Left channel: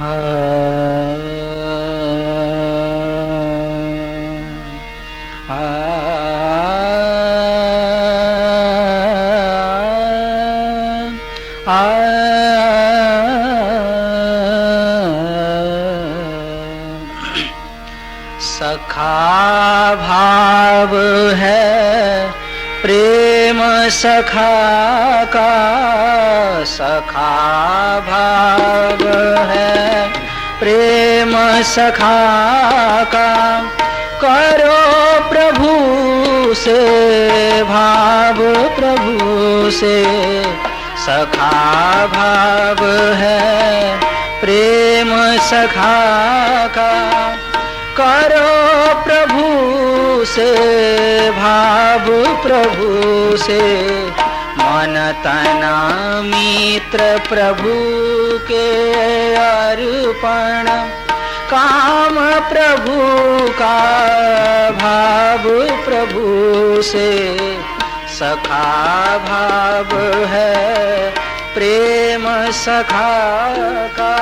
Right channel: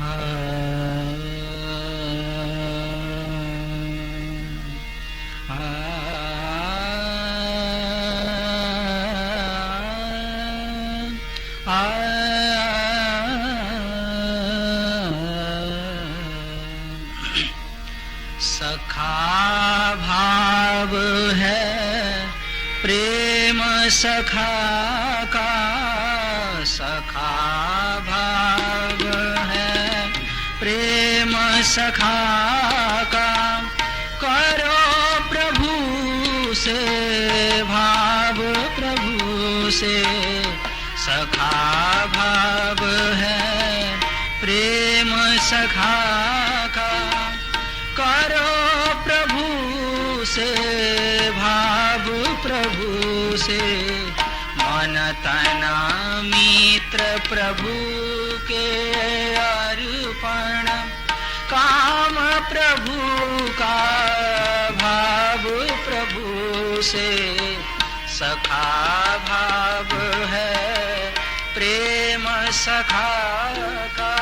सखा भाव है प्रेम सखा का, सखा भाव है प्रेम सखा का। करो प्रभु से भाव प्रभु से, सखा भाव है प्रेम सखा का। करो प्रभु से भाव प्रभु से, मन तन मित्र प्रभु के अर्पण। काम प्रभु का भाव प्रभु से, सखा भाव है प्रेम सखा का।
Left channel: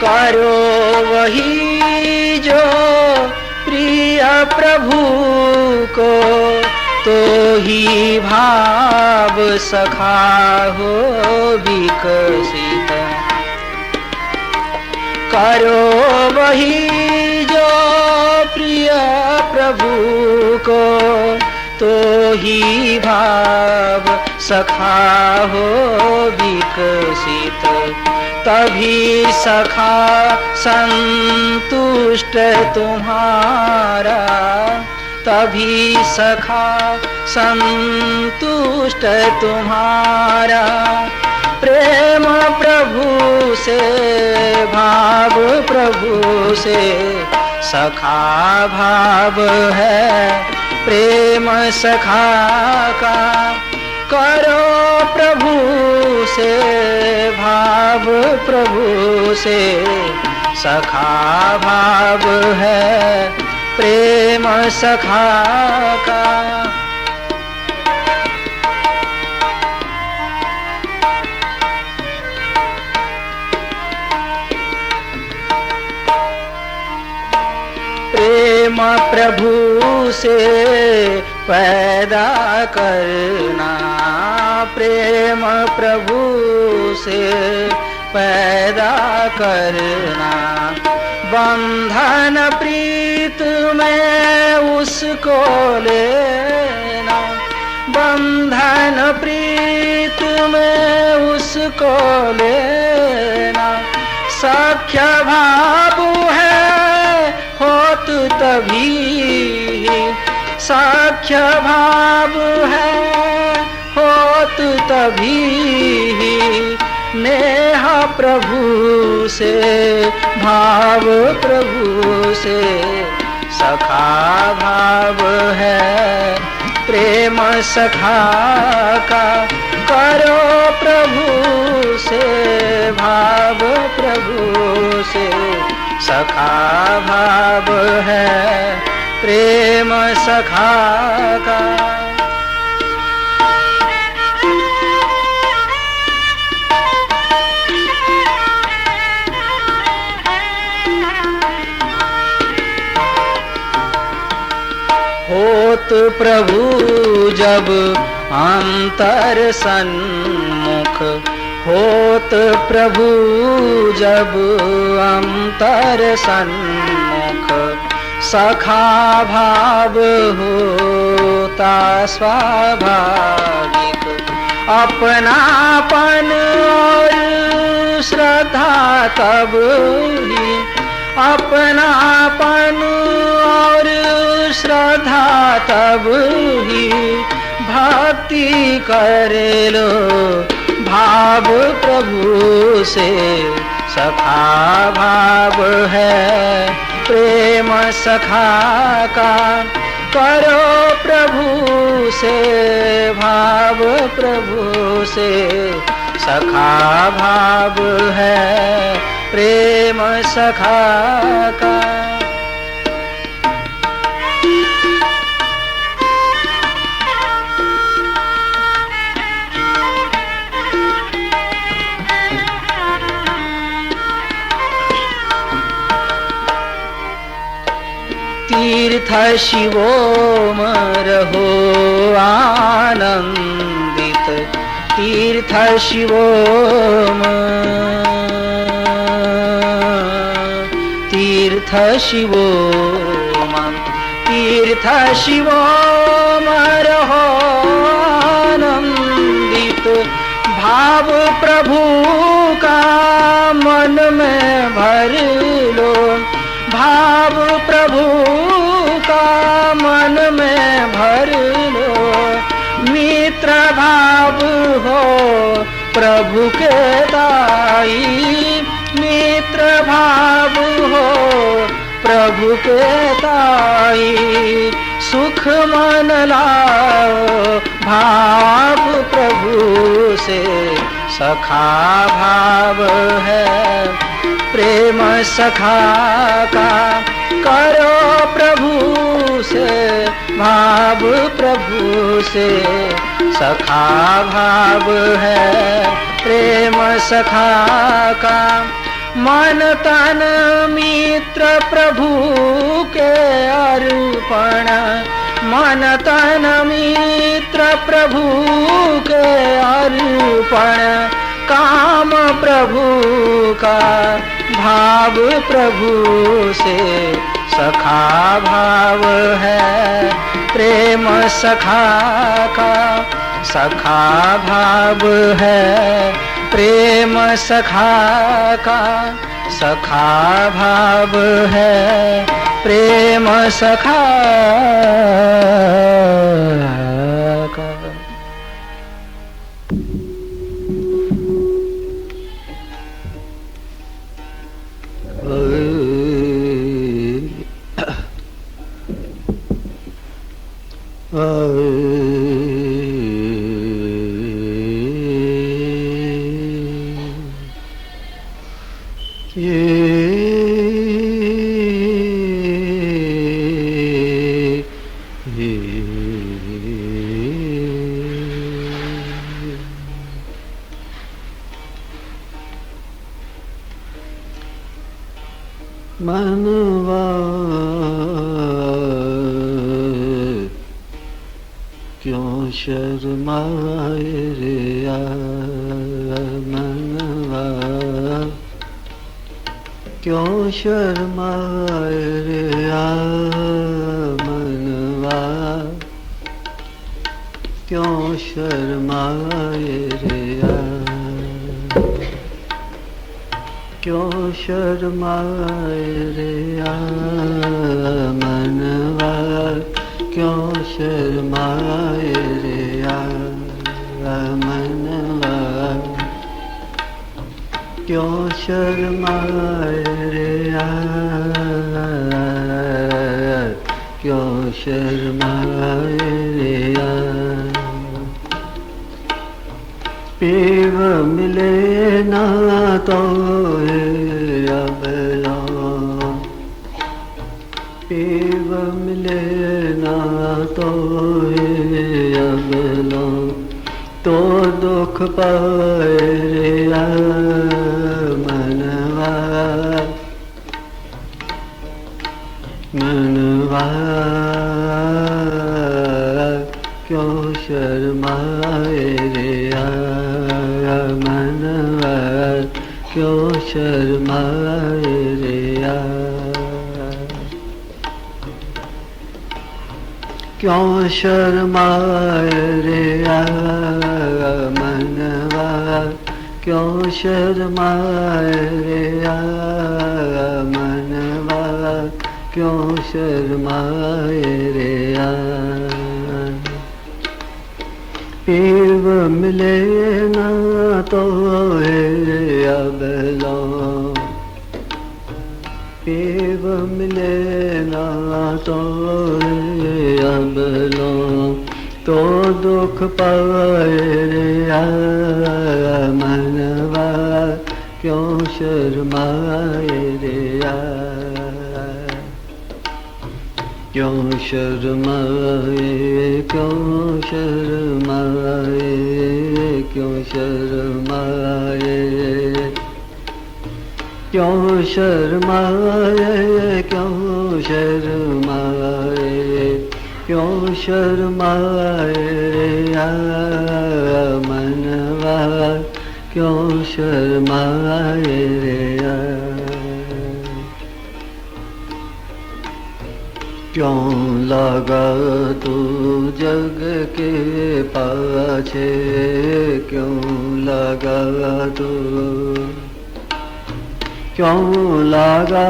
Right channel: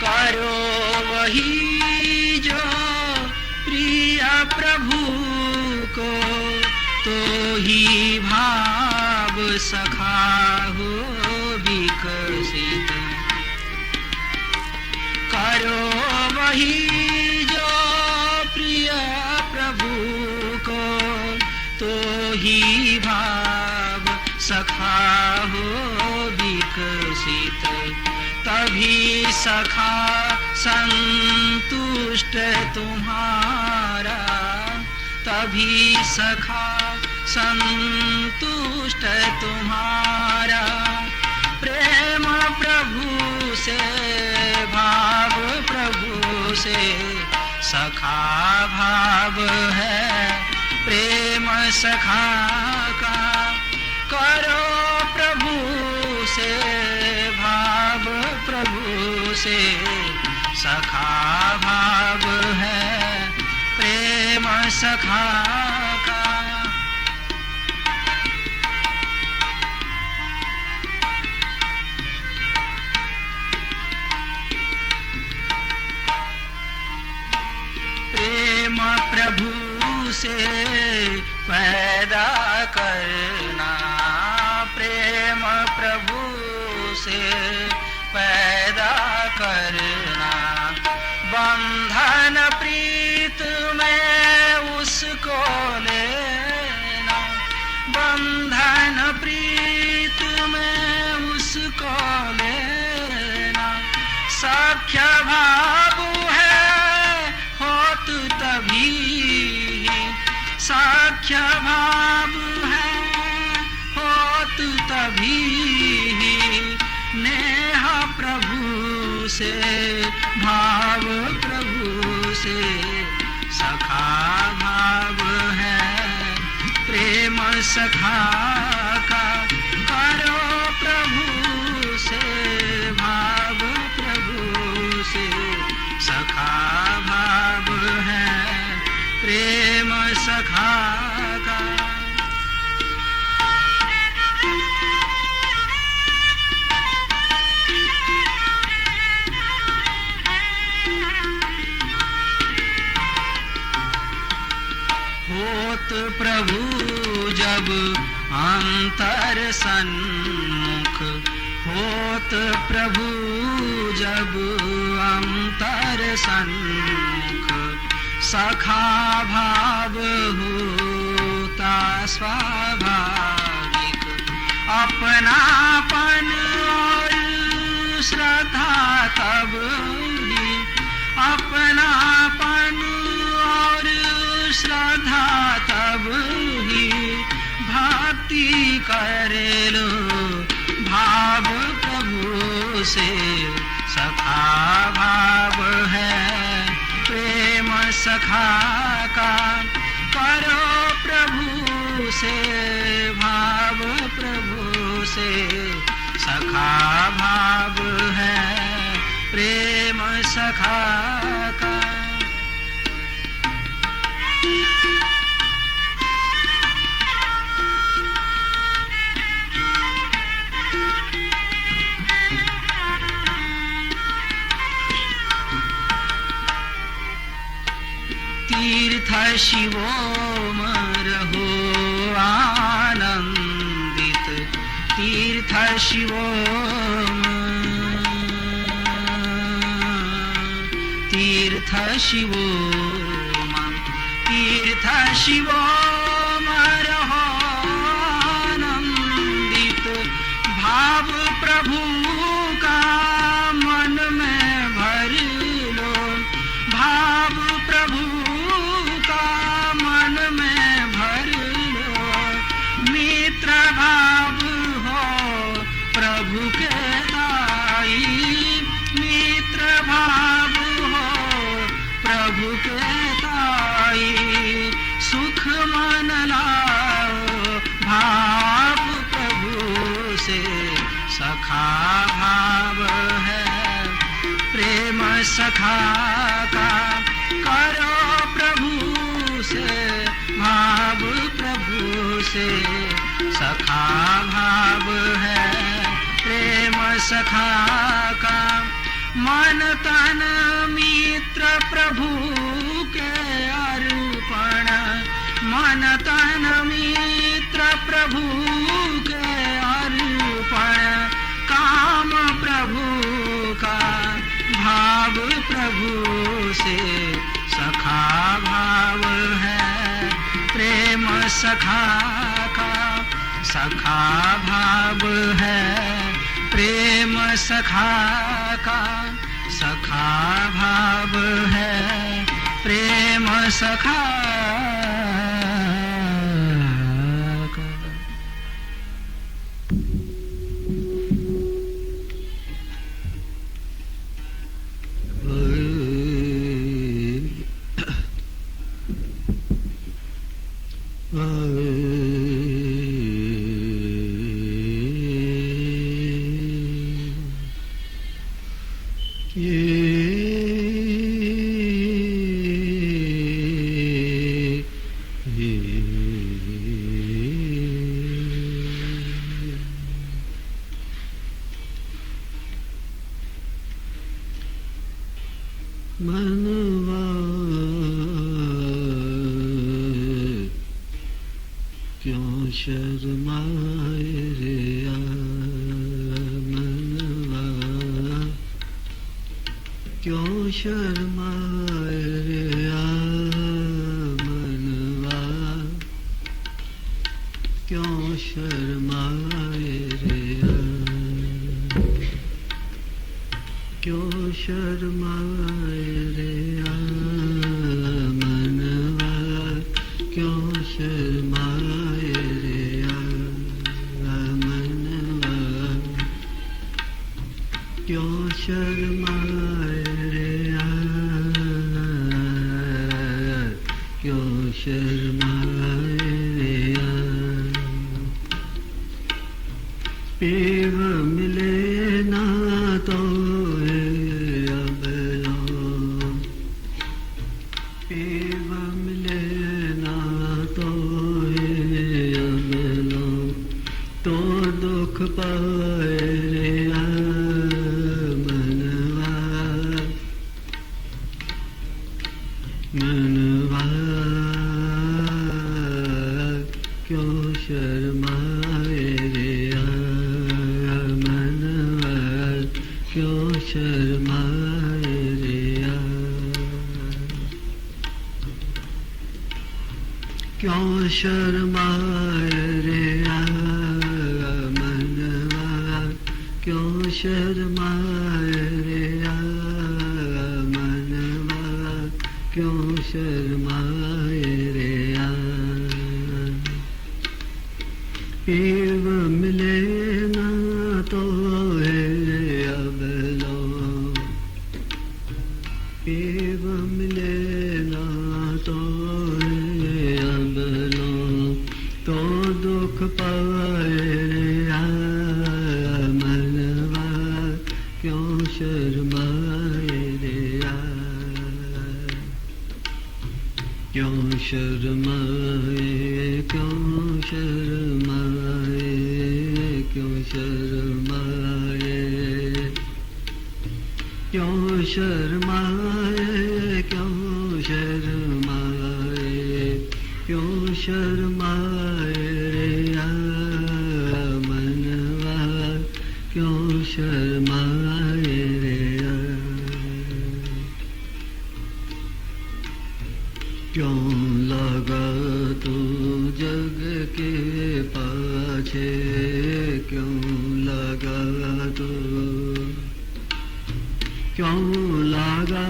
करो वही जो प्रिय प्रभु को, तो ही भाव सखा हो विकसित। करो वही जो प्रिय प्रभु को, तो ही भाव सखा हो विकसित। तभी सखा संतुष्ट तुम्हारा, तभी सखा संतुष्ट तुम्हारा। प्रेम प्रभु से भाव प्रभु से, सखा भाव है प्रेम सखा का। करो प्रभु से भाव प्रभु से, सखा भाव है प्रेम सखा का। प्रेम प्रभु से पैदा करना, प्रेम प्रभु से पैदा करना। बंधन प्रीत में उसको लेना, बंधन प्रीत में उसको लेना। सख्य भाव है होत तभी, सख्य भाव है होत तभी। नेह प्रभु से भाव प्रभु से, सखा भाव है प्रेम सखा का। करो प्रभु से भाव प्रभु से, सखा भाव है प्रेम सखा का। होत प्रभु जब अंतर सन्मुख, होत प्रभु जब अंतर सन्मुख। सखा भाव होता स्वाभाविक। अपनापन और श्रद्धा तब ही, अपनापन और श्रद्धा तब ही। भक्ति कर लो भाव प्रभु से, सखा भाव है प्रेम सखा का। करो प्रभु से भाव प्रभु से, सखा भाव है प्रेम सखा का। तीर्थ शिवोम रहो आनंदित, तीर्थ शिवोम, तीर्थ शिवोम, तीर्थ शिवोम रहो आनंदित। भाव प्रभु का मन में भर लो, भाव प्रभु का मन में भर लो। मित्र भाव हो प्रभु के दाई, मित्र भाव हो प्रभु के दाई। सुख मन लाओ भाव प्रभु से, सखा भाव है प्रेम सखा का। करो प्रभु से भाव प्रभु से, सखा भाव है प्रेम सखा का। मन तन मित्र प्रभु के अर्पण, मन तन मित्र प्रभु के अर्पण। काम प्रभु का भाव प्रभु से, सखा भाव है प्रेम सखा का। सखा भाव है प्रेम सखा का, सखा भाव है प्रेम सखा का। मनवा क्यों शर्माए रे मनवा, क्यों शर्माए रे मनवा, क्यों शर्माए रे क्यों शर्माए रे मनवा, क्यों शर्माए रे मनवा, क्यों शर्माए रे क्यों शर्माए रे। पीव मिले ना तो अबला, पीव मिले ना तो अबला, तो दुख पाए रे मनवा, मनवा क्यों शर्माए रे मनवा, क्यों शर्माए रे क्यों शर्माए रे मनवा, क्यों शर्माए रे मनवा, क्यों शर्माए रे। पीव मिले ना तो अबला, पीव मिले ना तो अबला, तो दुख पाए रे मन शर्माए रे क्यों शर्माए, क्यों शर्माए, क्यों शर्माए, क्यों शर्माए, क्यों शर्माए, क्यों शर्माए रे मनवा, क्यों शर्माए रे क्यों लगा तू जग के पाछे, क्यों लगा तू, क्यों लगा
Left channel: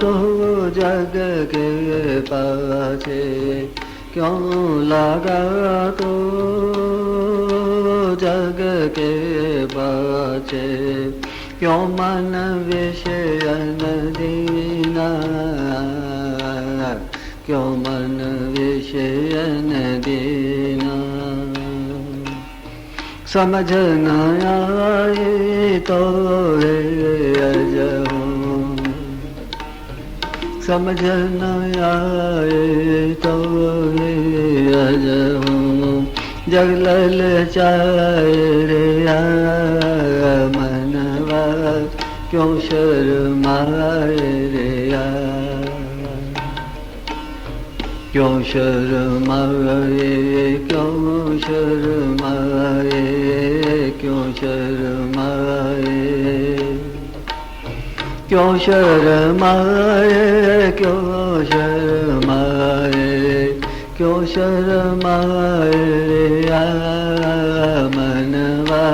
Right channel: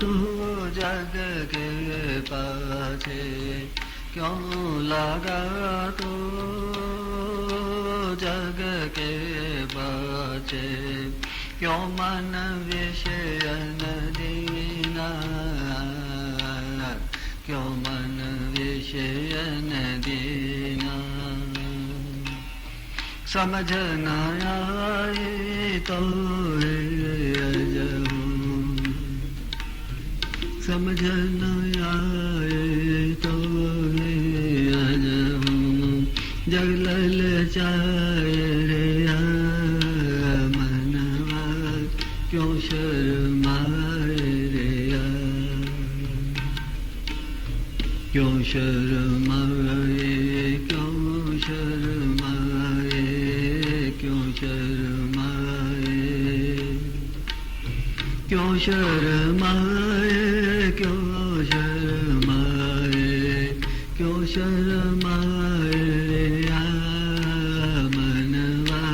तू जग के पाछे, क्यों लगा तू जग के पाछे, क्यों मन विषयन दीना, क्यों मन विषयन दीना, समझ न आए तो है अजहूँ, समझ न आए तो है अजहूँ, जग ललचाए रे मनवा, क्यों शर्माए रे क्यों शर्माए, क्यों शर्माए, क्यों शर्माए, क्यों शर्माए, क्यों शर्माए, क्यों शर्माए मनवा,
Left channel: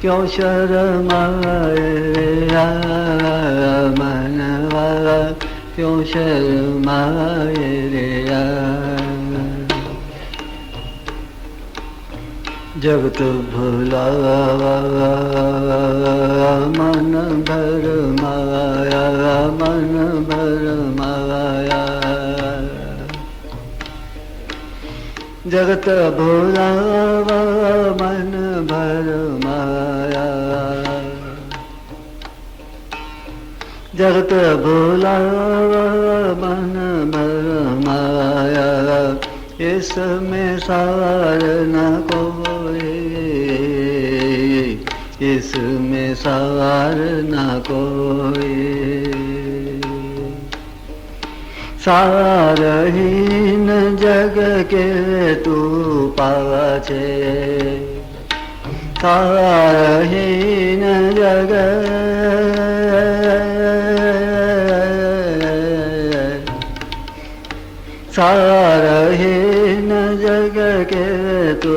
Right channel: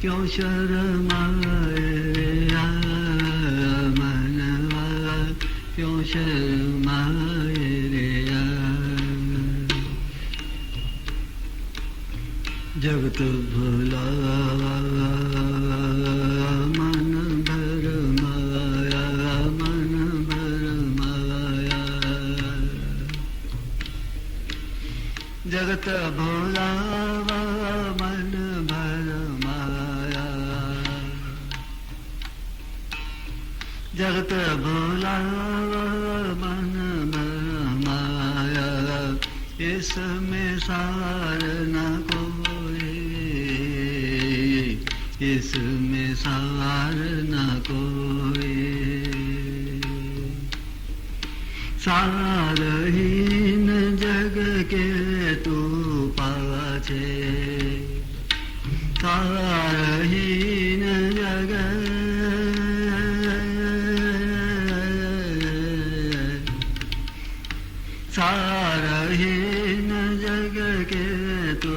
क्यों शर्माए मनवा, क्यों शर्माए रे जगत भुलावा मन भर माया, मन भर माया, जगत भुलावा मन भर माया, जगत भुलावा मन भर माया, इसमें सार न कोई, इसमें सार न कोई, सारहीन जग के तू पाछे, सारहीन जग, सारहीन जग के तू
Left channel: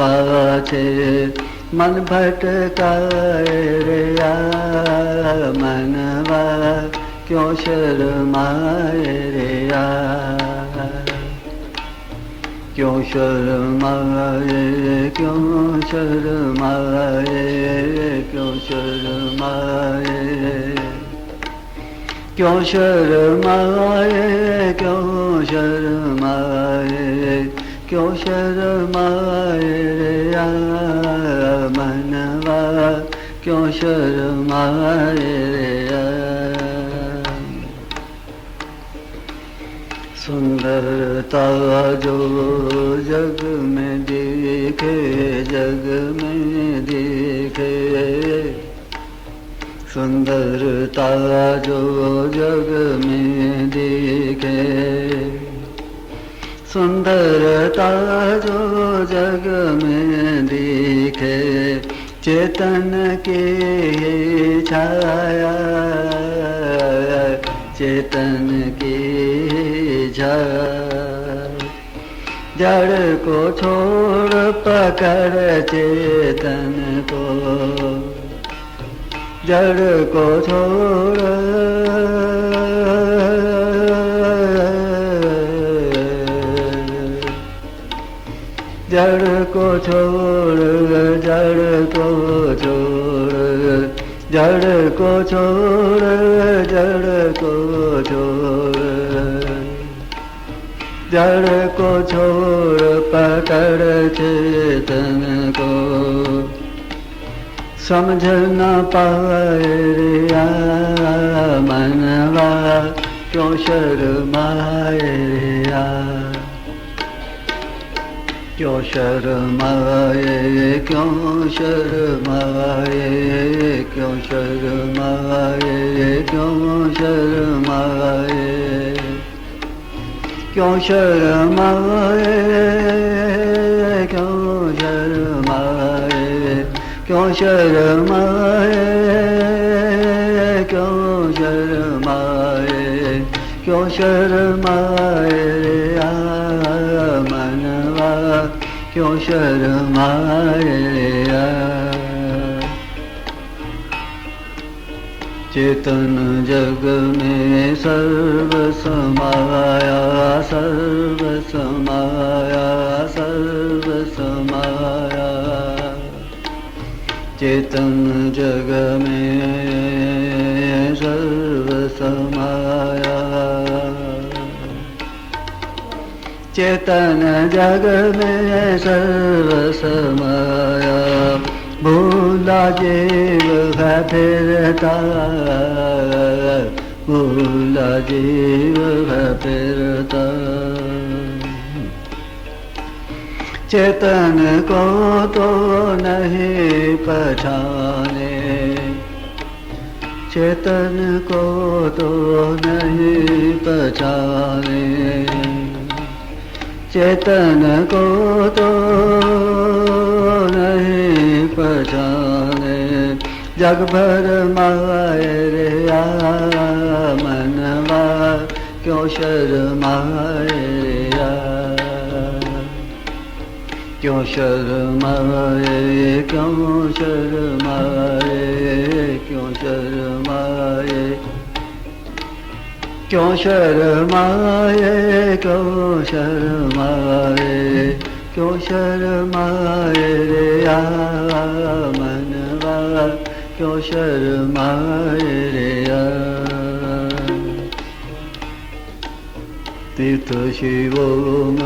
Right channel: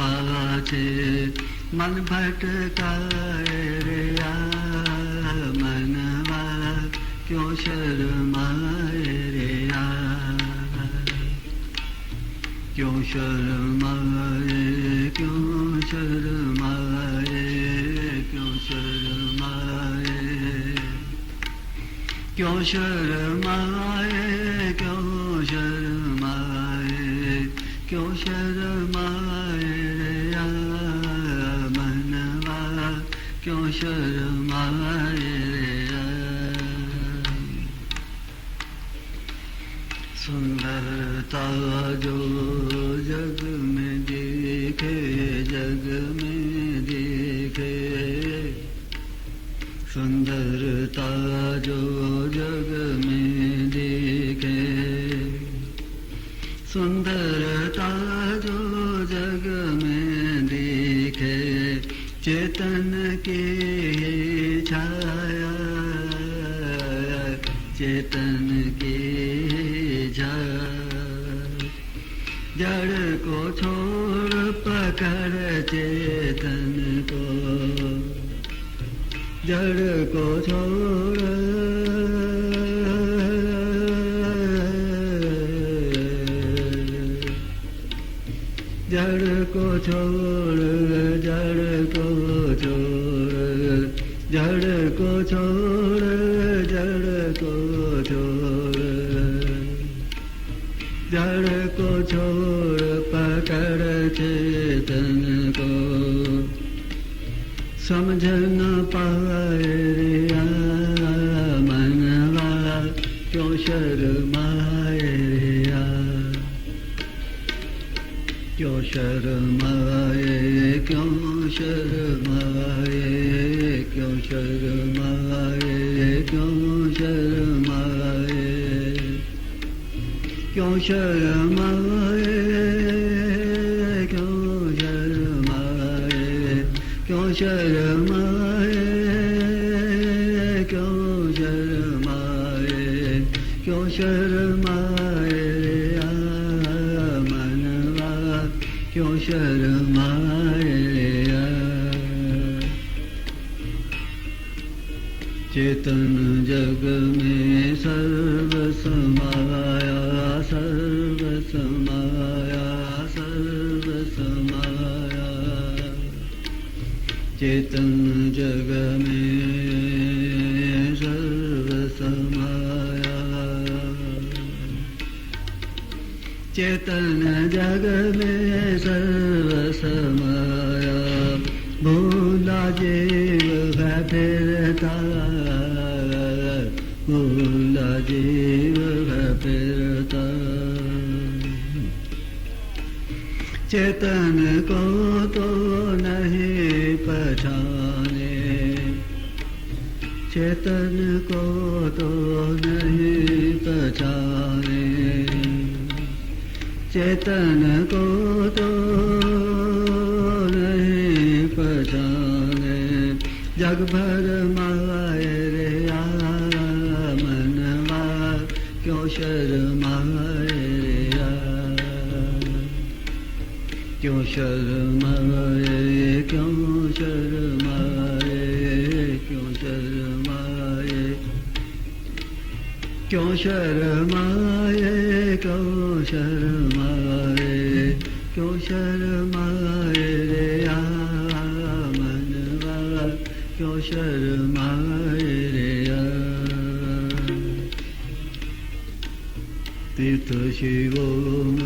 पाछे, मन भटकाए रे मनवा, क्यों शर्माए रे क्यों शर्माए, क्यों शर्माए, क्यों शर्माए, क्यों शर्माए, क्यों शर्माए, क्यों शर्माए रे मनवा, क्यों शर्माए रे सुंदरता जो जग में दिखे, जग में दिखे, सुंदरता जो जग में दिखे, सुंदरता जो जग में दिखे, चेतन की छाया, चेतन की छाया, जड़ को छोड़ पकड़ चेतन को, जड़ को छोड़, जड़ को छोड़, जड़ को छोड़, जड़ को छोड़, जड़ को छोड़, जड़ को छोड़ पकड़ चेतन को, समझ न पाए रे मनवा क्यों शर्माए रे क्यों शर्माए क्यों शर्माए क्यों शर्माए क्यों शर्माए क्यों शर्माए क्यों शर्माए क्यों शर्माए क्यों शर्माए क्यों शर्माए मनवा क्यों शर्माए चेतन जग में सर्व समाया सर्व समाया सर्व समाया चेतन जग में सर्व समाया चेतन जग में सर्व समाया भूला जीव है फिरता भूला जीव है फिरता चेतन को तो नहीं पहचाने चेतन को तो नहीं पहचाने चेतन को तो नहीं पहचाने जग भर माए रे मनवा क्यों शर्माए रे क्यों शर्माए क्यों शर्माए क्यों शर्माए क्यों शर्माए क्यों शर्माए क्यों शर्माए रे मनवा क्यों शर्माए रे तीर्थ शिवोम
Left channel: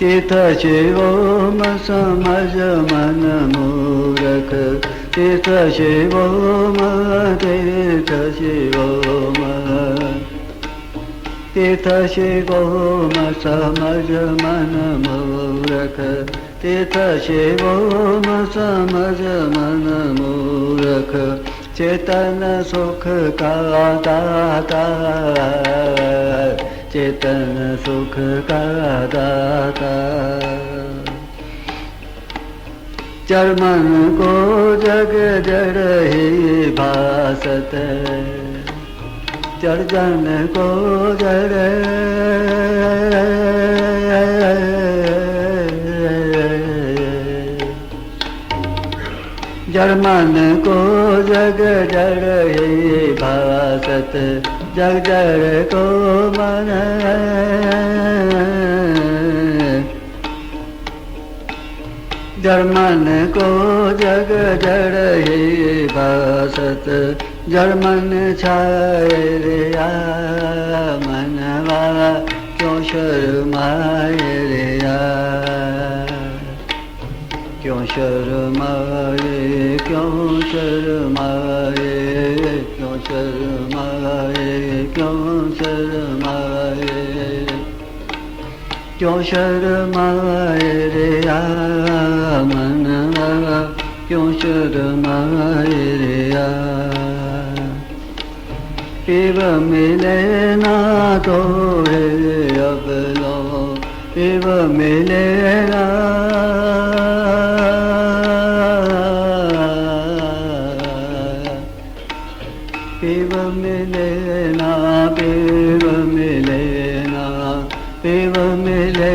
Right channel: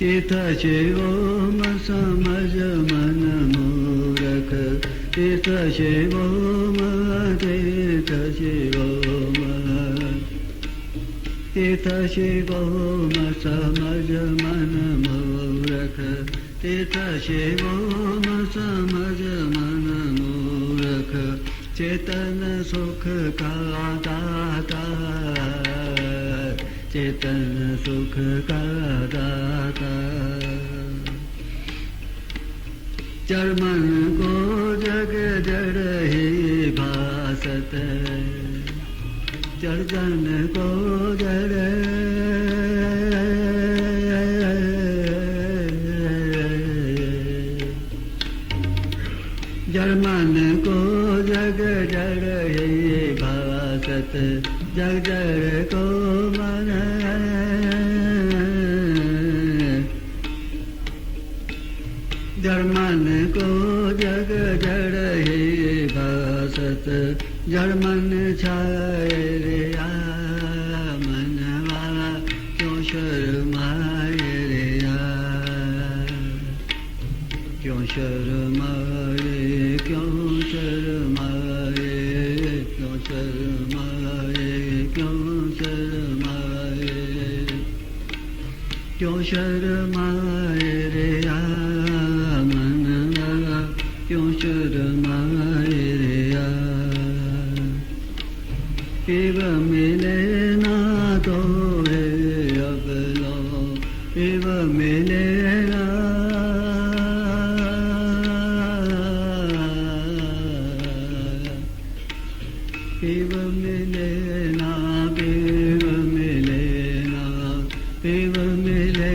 तीर्थ शिवोम समझ मन मूरख तीर्थ शिवोम तीर्थ शिवोम तीर्थ शिवोम समझ मन मूरख तीर्थ शिवोम समझ मन मूरख चेतन सुख का दाता चेतन सुख का दाता चरमन को जग जड़ ही भासत चरजन को जड़ जरमन को जग जड़ ही भासत जग जड़ को मन जरमन को जग जड़ ही भासत जरमन छाए रे मनवा क्यों शर्माए रे क्यों शर्माए क्यों शर्माए क्यों शर्माए क्यों शर्माए क्यों शर्माए रे मनवा क्यों शर्माए रे शिव मिले ना तो है अब लो शिव मिले ना शिव मिले ना शिव मिले ना शिव मिले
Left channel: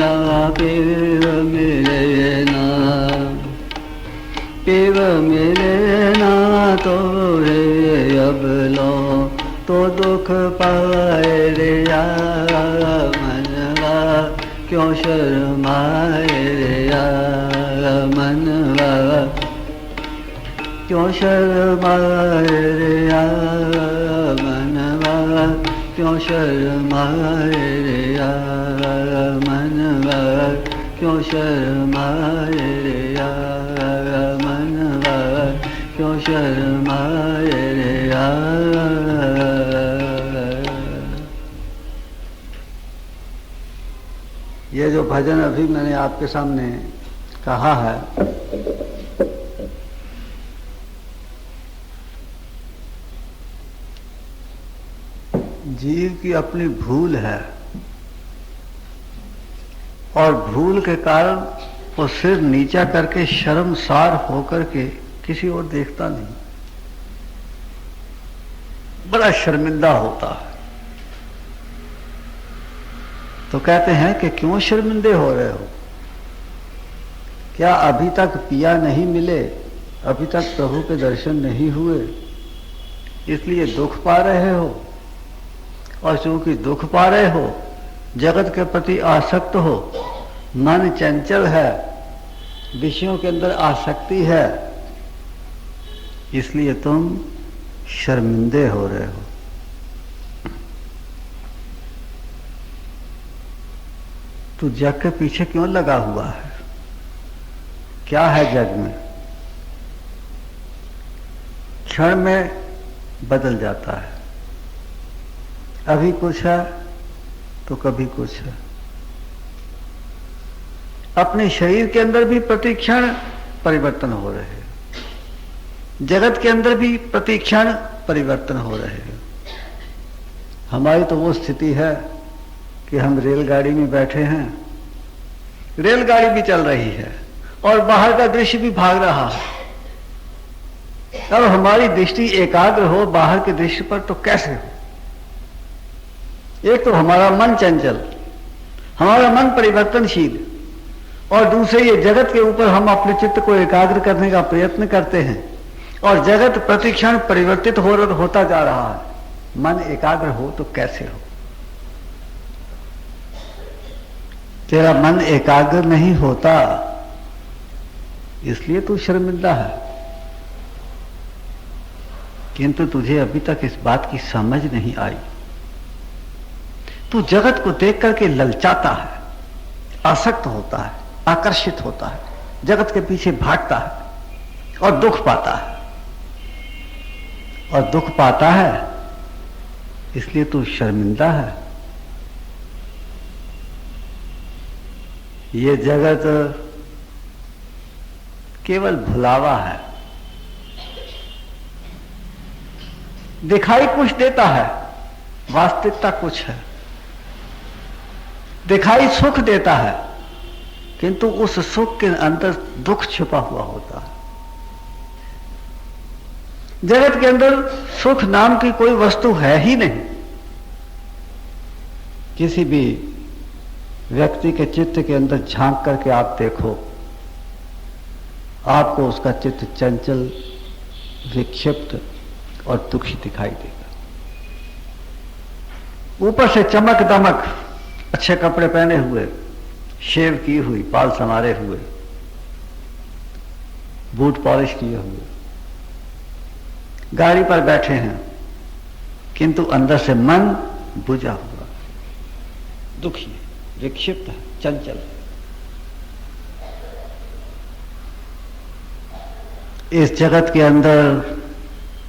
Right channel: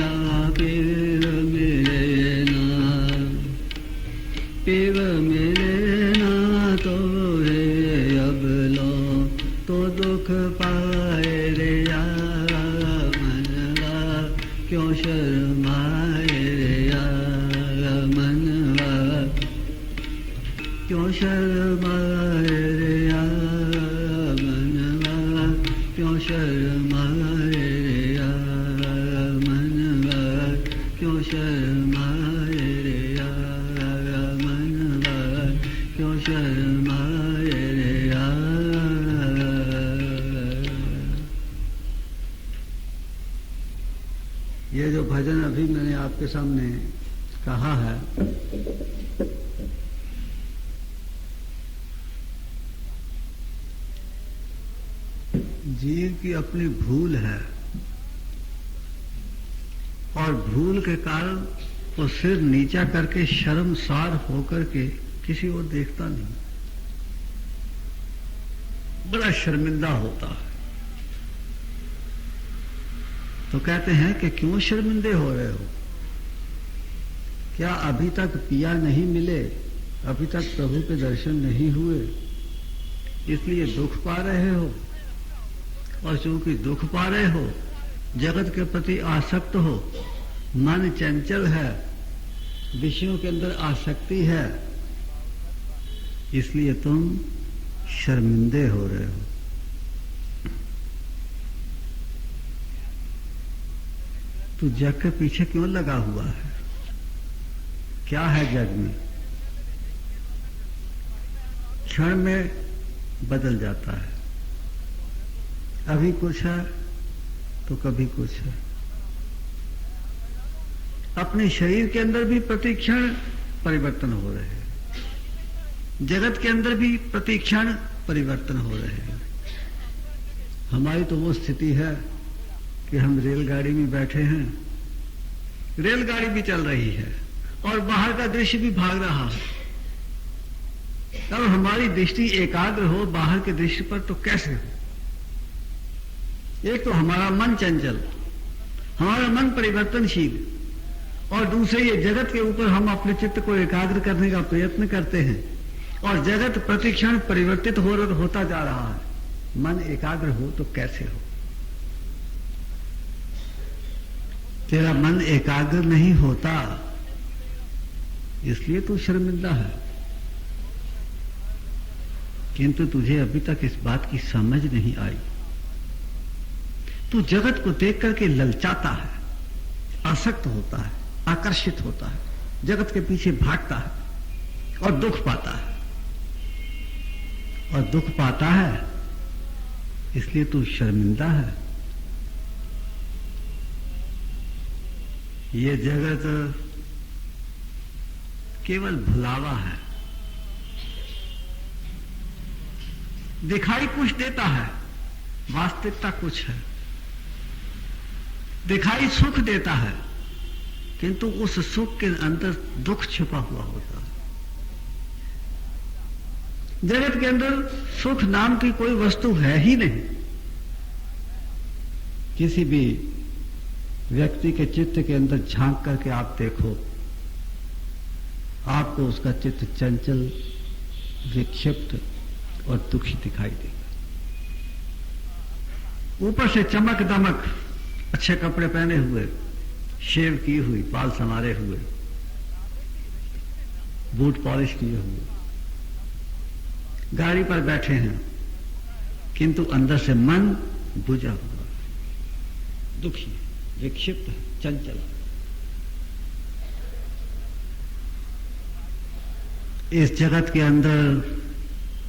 ना शिव मिले ना शिव मिले ना तो रे अब लो तो दुख पाए रे मनवा क्यों शर्माए रे मनवा क्यों शर्माए रे मनवा क्यों शर्माए रे मनवा, क्यों शर्माए रे मनवा, क्यों शर्माए रे ये जो भजन अभी मैंने आपके सामने कहा है, जीव की अपनी भूल है और भूल के कारण वो सिर नीचा करके शर्मसार होकर के किसी और देखता नहीं, बड़ा शर्मिंदा होता है। तो कहते हैं कि क्यों शर्मिंदे हो रहे हो? क्या अभी तक पिया नहीं मिले, अभी तक प्रभु के दर्शन नहीं हुए, इसलिए दुख पा रहे हो? और चूंकि दुख पा रहे हो, जगत के प्रति आसक्त हो, मन चंचल है, विषयों के अंदर आसक्ति है, इसलिए तुम शर्मिंदे हो रहे हो। तू जग के पीछे क्यों लगा हुआ है? क्या है जग में? क्षण में बदल जाता है, अभी कुछ है तो कभी कुछ है। अपने शरीर के अंदर भी प्रतिक्षण परिवर्तन हो रहे हैं, जगत के अंदर भी प्रतिक्षण परिवर्तन हो रहे हैं। हमारी तो वो स्थिति है कि हम रेलगाड़ी में बैठे हैं, रेलगाड़ी भी चल रही है और बाहर का दृश्य भी भाग रहा है। अब हमारी दृष्टि एकाग्र हो बाहर के दृश्य पर तो कैसे हो? एक तो हमारा मन चंचल, हमारा मन परिवर्तनशील, और दूसरे ये जगत के ऊपर हम अपने चित्त को एकाग्र करने का प्रयत्न करते हैं और जगत प्रतिक्षण परिवर्तित होता जा रहा है। मन एकाग्र हो तो कैसे हो? तेरा मन एकाग्र नहीं होता, इसलिए तू शर्मिंदा है। किंतु तुझे अभी तक इस बात की समझ नहीं आई। तू जगत को देख करके ललचाता है, आसक्त होता है, आकर्षित होता है, जगत के पीछे भागता है और दुख पाता है। और दुख पाता है इसलिए तू शर्मिंदा है। ये जगत केवल भुलावा है, दिखाई कुछ देता है, वास्तविकता कुछ है। दिखाई सुख देता है, किंतु उस सुख के अंदर दुख छिपा हुआ होता है। जगत के अंदर सुख नाम की कोई वस्तु है ही नहीं। किसी भी व्यक्ति के चित्त के अंदर झांक करके आप देखो, आपको उसका चित्त चंचल, विक्षिप्त और दुखी दिखाई देगा। ऊपर से चमक दमक, अच्छे कपड़े पहने हुए, शेव की हुई, बाल संवारे हुए, बूट पॉलिश किए हुए, गाड़ी पर बैठे हैं, किंतु अंदर से मन बुझा हुआ, दुखी, विक्षिप्त है, चंचल। इस जगत के अंदर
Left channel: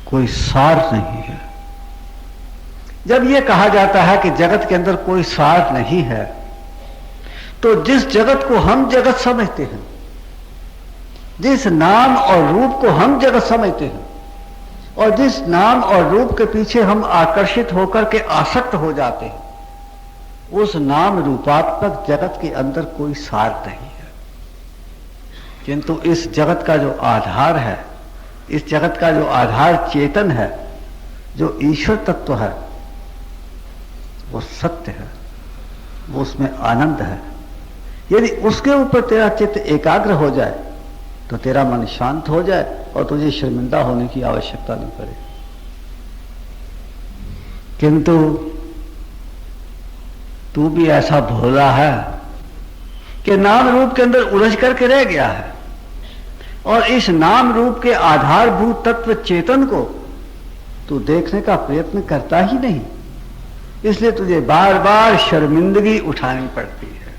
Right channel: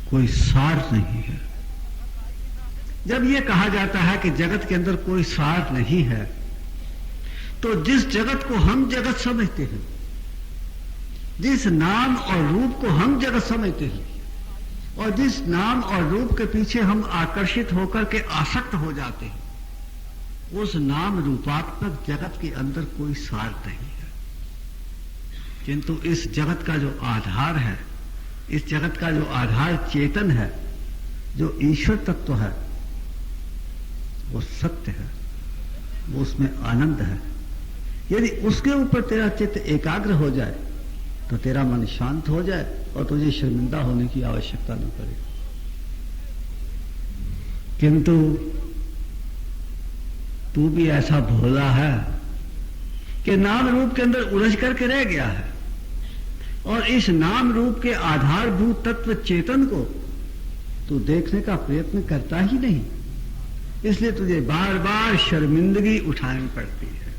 कोई सार नहीं है। जब यह कहा जाता है कि जगत के अंदर कोई सार नहीं है, तो जिस जगत को हम जगत समझते हैं, जिस नाम और रूप को हम जगत समझते हैं, और जिस नाम और रूप के पीछे हम आकर्षित होकर के आसक्त हो जाते हैं, उस नाम रूपात्मक जगत के अंदर कोई सार नहीं है। किंतु इस जगत का जो आधार है, इस जगत का जो आधार चेतन है, जो ईश्वर तत्व है, वो सत्य है, वो उसमें आनंद है। यदि उसके ऊपर तेरा चित्त एकाग्र हो जाए तो तेरा मन शांत हो जाए और तुझे शर्मिंदा होने की आवश्यकता नहीं पड़े। किंतु तू भी ऐसा भोला है कि नाम रूप के अंदर उलझ करके रह गया है, और इस नाम रूप के आधारभूत तत्व चेतन को तू देखने का प्रयत्न करता ही नहीं। इसलिए तुझे बार बार शर्मिंदगी उठानी पड़ती है,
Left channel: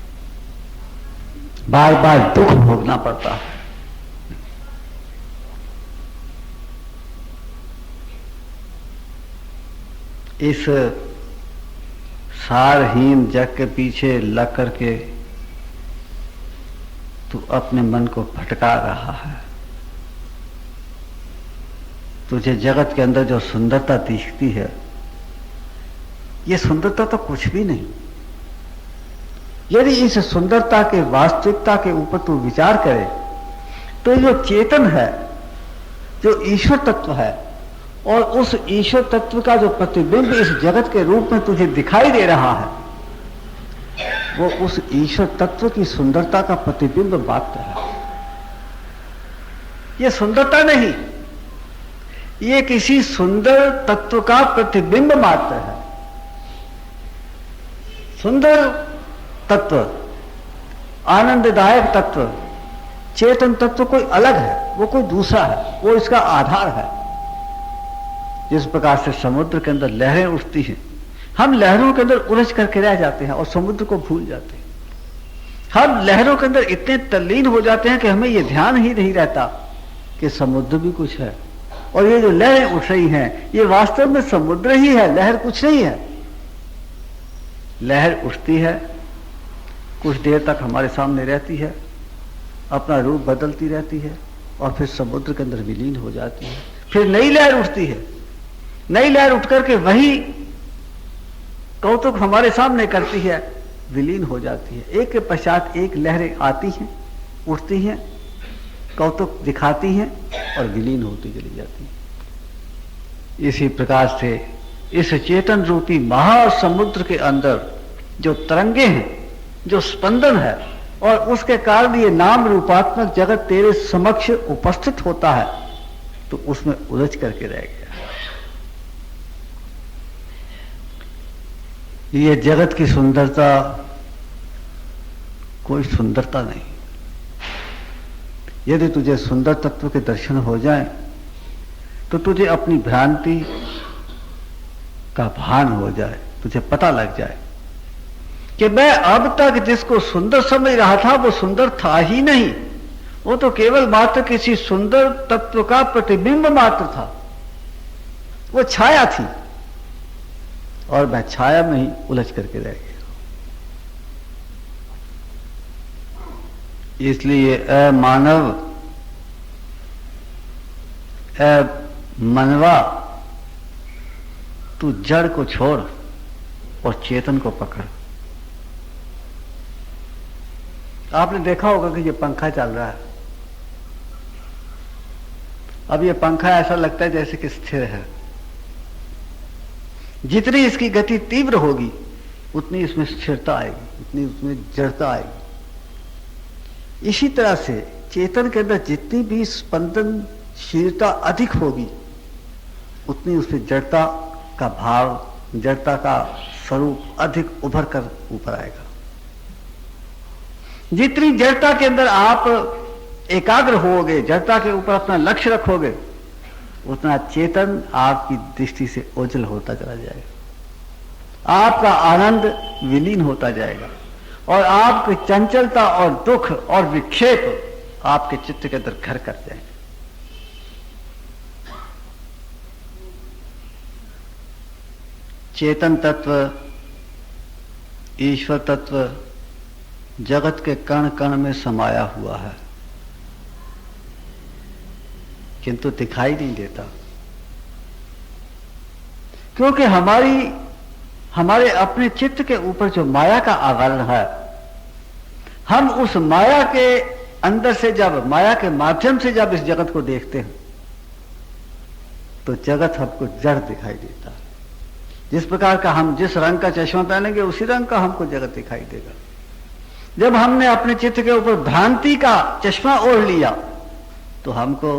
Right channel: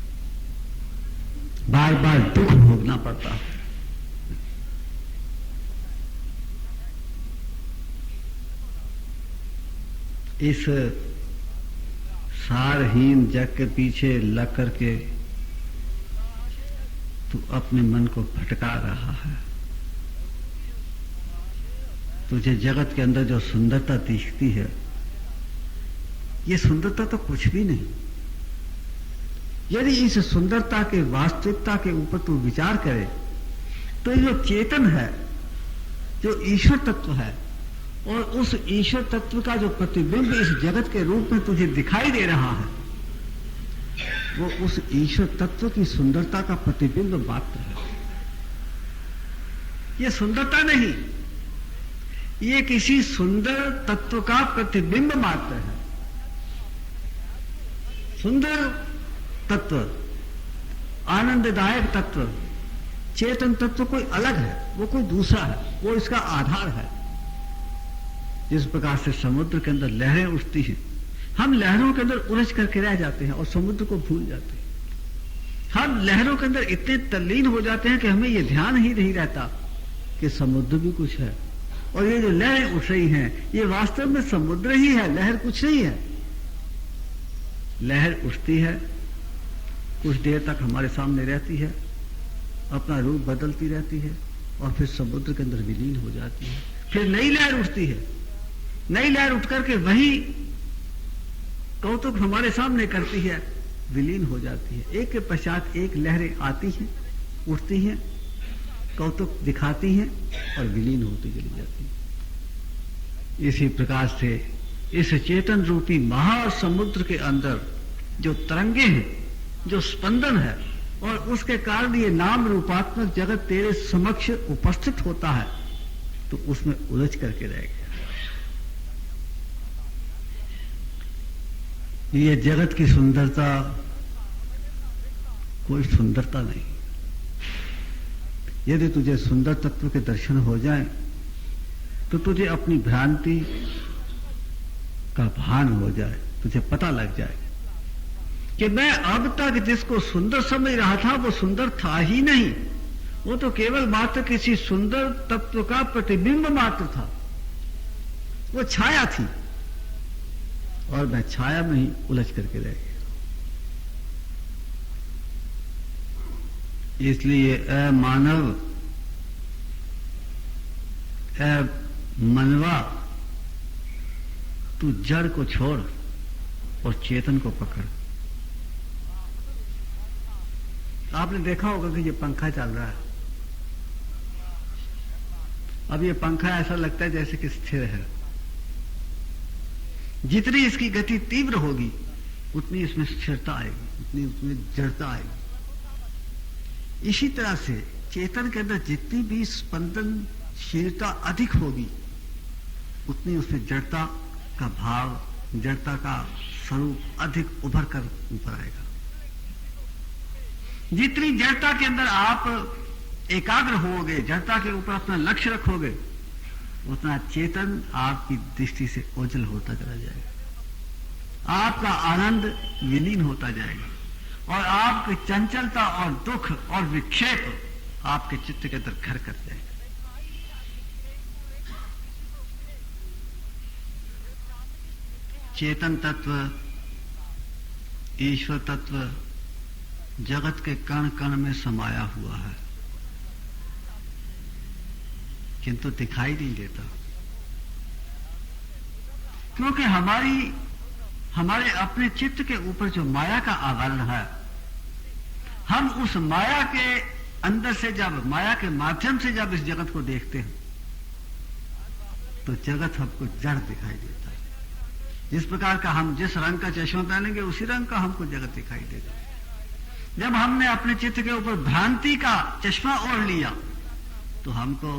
बार बार दुख भोगना पड़ता है। इस सारहीन जग के पीछे लग करके तू अपने मन को भटका रहा है। तुझे जगत के अंदर जो सुंदरता दिखती है, ये सुंदरता तो कुछ भी नहीं। यदि इस सुंदरता के वास्तविकता के ऊपर तू विचार करे तो जो चेतन है, जो ईश्वर तत्व है, और उस ईश्वर तत्व का जो प्रतिबिंब इस जगत के रूप में तुझे दिखाई दे रहा है, वो उस ईश्वर तत्व की सुंदरता का प्रतिबिंब मात्र है। ये सुंदरता नहीं, ये किसी सुंदर तत्व का प्रतिबिंब मात्र है। सुंदर तत्व, आनंददायक तत्व, चेतन तत्व कोई अलग है, वो कोई दूसरा है, वो इसका आधार है। जिस प्रकार से समुद्र के अंदर लहरें उठती हैं, हम लहरों के अंदर उलझ करके रह जाते हैं और समुद्र को भूल जाते हैं। हम लहरों के अंदर इतने तल्लीन हो जाते हैं कि हमें यह ध्यान ही नहीं रहता कि समुद्र भी कुछ है, और ये जो लहरें उठ रही हैं ये वास्तव में समुद्र ही है, लहर कुछ नहीं है। लहर उठती है, कुछ देर तक हमारे सामने रहती है, अपना रूप बदलती रहती है और फिर समुद्र के अंदर विलीन हो जाती है। फिर नई लहर उठती है, नई लहर उठ करके वही कौतुक हमारे सामने करती है, विलीन हो जाती है। एक के पश्चात एक लहरें आती हैं, उठती हैं, कौतुक दिखाती हैं और विलीन होती चली जाती हैं। इसी प्रकार से इस चेतन रूपी महासमुद्र के अंदर जो तरंगे हैं, जो स्पंदन है, और उसके कारण ये नाम रूपात्मक जगत तेरे समक्ष उपस्थित होता है, तो उसमें उलझ करके रह गया। ये जगत की सुंदरता कोई सुंदरता नहीं। यदि तुझे सुंदर तत्व के दर्शन हो जाए तो तुझे अपनी भ्रांति का भान हो जाए, तुझे पता लग जाए कि मैं अब तक जिसको सुंदर समझ रहा था वो सुंदर था ही नहीं, वो तो केवल मात्र किसी सुंदर तत्व का प्रतिबिंब मात्र था, वो छाया थी और मैं छाया में ही उलझ करके रह गया। इसलिए ए मानव, ए मनवा, तू जड़ को छोड़ और चेतन को पकड़। आपने देखा होगा कि ये पंखा चल रहा है। अब ये पंखा ऐसा लगता है जैसे कि स्थिर है। जितनी इसकी गति तीव्र होगी उतनी इसमें स्थिरता आएगी, उतनी उसमें जड़ता आएगी। इसी तरह से चेतन के अंदर जितनी भी स्पंदनशीलता अधिक होगी उतनी उसमें जड़ता का भाव, जड़ता का स्वरूप अधिक उभर कर ऊपर आएगा। जितनी जड़ता के अंदर आप एकाग्र होगे, जड़ता के ऊपर अपना लक्ष्य रखोगे, उतना चेतन आपकी दृष्टि से ओझल होता चला जाएगा, आपका आनंद विलीन होता जाएगा और आपकी चंचलता और दुख और विक्षेप आपके चित्त के अंदर घर कर जाएंगे। चेतन तत्व, ईश्वर तत्व जगत के कण कण में समाया हुआ है, किंतु दिखाई नहीं देता, क्योंकि हमारे अपने चित्त के ऊपर जो माया का आवरण है, हम उस माया के अंदर से जब, माया के माध्यम से जब इस जगत को देखते हैं तो जगत हमको जड़ दिखाई देता है। जिस प्रकार का हम जिस रंग का चश्मा पहनेंगे उसी रंग का हमको जगत दिखाई देगा। जब हमने अपने चित्त के ऊपर भ्रांति का चश्मा ओढ़ लिया तो हमको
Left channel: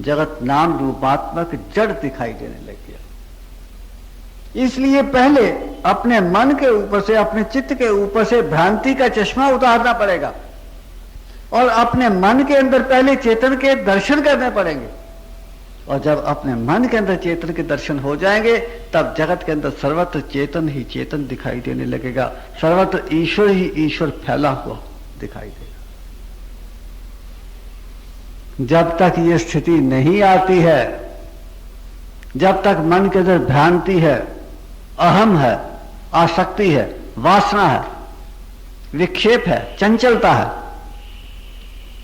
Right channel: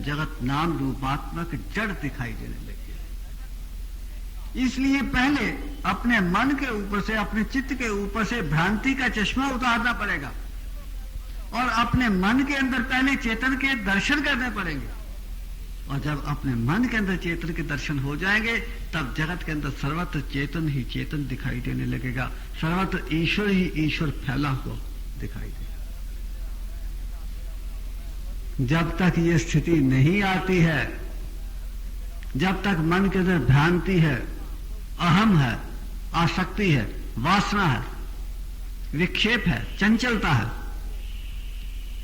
जगत नाम रूपात्मक जड़ दिखाई देने लग गया। इसलिए पहले अपने मन के ऊपर से, अपने चित्त के ऊपर से भ्रांति का चश्मा उतारना पड़ेगा और अपने मन के अंदर पहले चेतन के दर्शन करने पड़ेंगे और जब अपने मन के अंदर चेतन के दर्शन हो जाएंगे, तब जगत के अंदर सर्वत्र चेतन ही चेतन दिखाई देने लगेगा, सर्वत्र ईश्वर ही ईश्वर फैला हुआ दिखाई देगा। जब तक ये स्थिति नहीं आती है, जब तक मन के अंदर भ्रांति है, अहम है, आसक्ति है, वासना है, विक्षेप है, चंचलता है,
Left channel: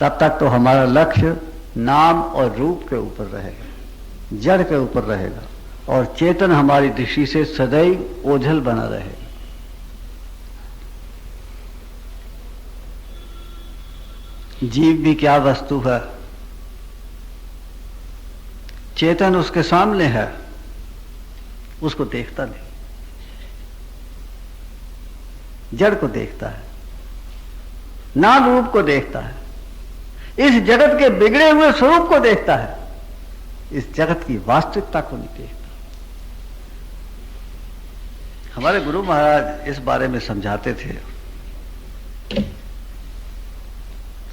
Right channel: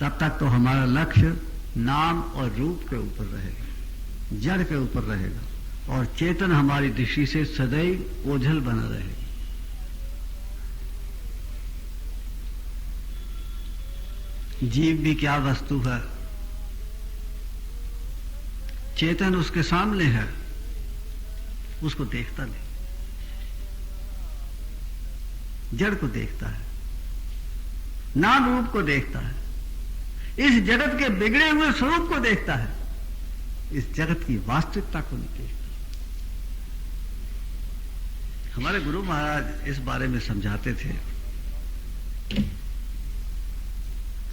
तब तक तो हमारा लक्ष्य नाम और रूप के ऊपर रहेगा, जड़ के ऊपर रहेगा, और चेतन हमारी दृष्टि से सदैव ओझल बना रहेगा। जीव भी क्या वस्तु है, चेतन उसके सामने है, उसको देखता नहीं, जड़ को देखता है, नाम रूप को देखता है, इस जगत के बिगड़े हुए स्वरूप को देखता है, इस जगत की वास्तविकता को नहीं देखता। हमारे गुरु महाराज इस बारे में समझाते थे,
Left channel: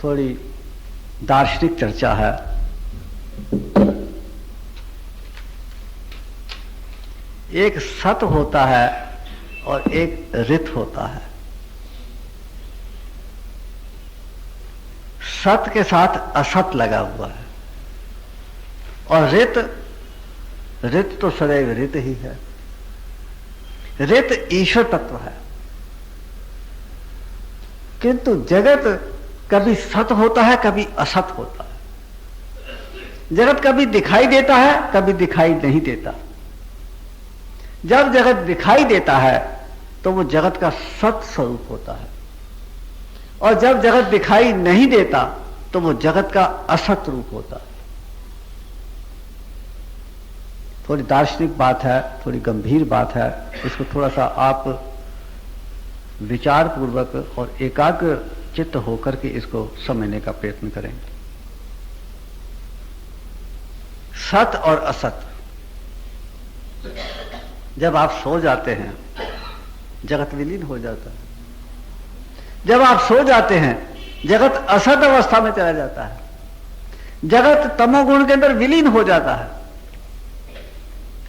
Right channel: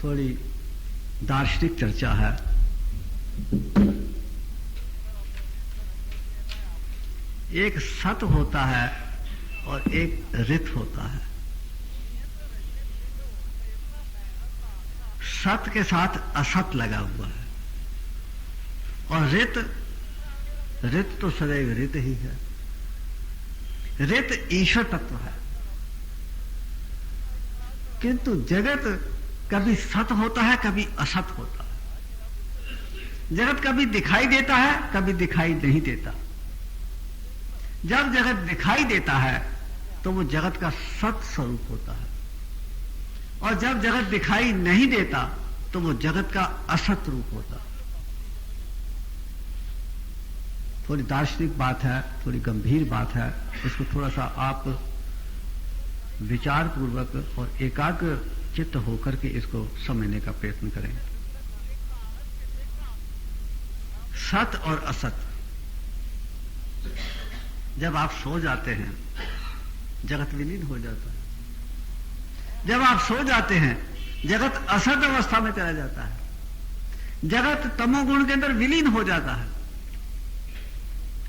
थोड़ी दार्शनिक चर्चा है। एक सत होता है और एक रित होता है। सत के साथ असत लगा हुआ है, और रित तो सदैव रित ही है। रित ईश्वर तत्व है, किंतु जगत कभी सत होता है, कभी असत होता है। जगत कभी दिखाई देता है, कभी दिखाई नहीं देता। जब जगत दिखाई देता है तो वो जगत का सत स्वरूप होता है, और जब जगत दिखाई नहीं देता तो वो जगत का असत रूप होता है। थोड़ी दार्शनिक बात है, थोड़ी गंभीर बात है, इसको थोड़ा सा आप विचार पूर्वक और एकाग्र चित्त होकर के इसको समझने का प्रयत्न करें। सत और असत, जब आप सो जाते हैं जगत विलीन हो जाता है। जब आप सो जाते हैं जगत असत अवस्था में चला जाता है, जगत तमोगुण के अंदर विलीन हो जाता है,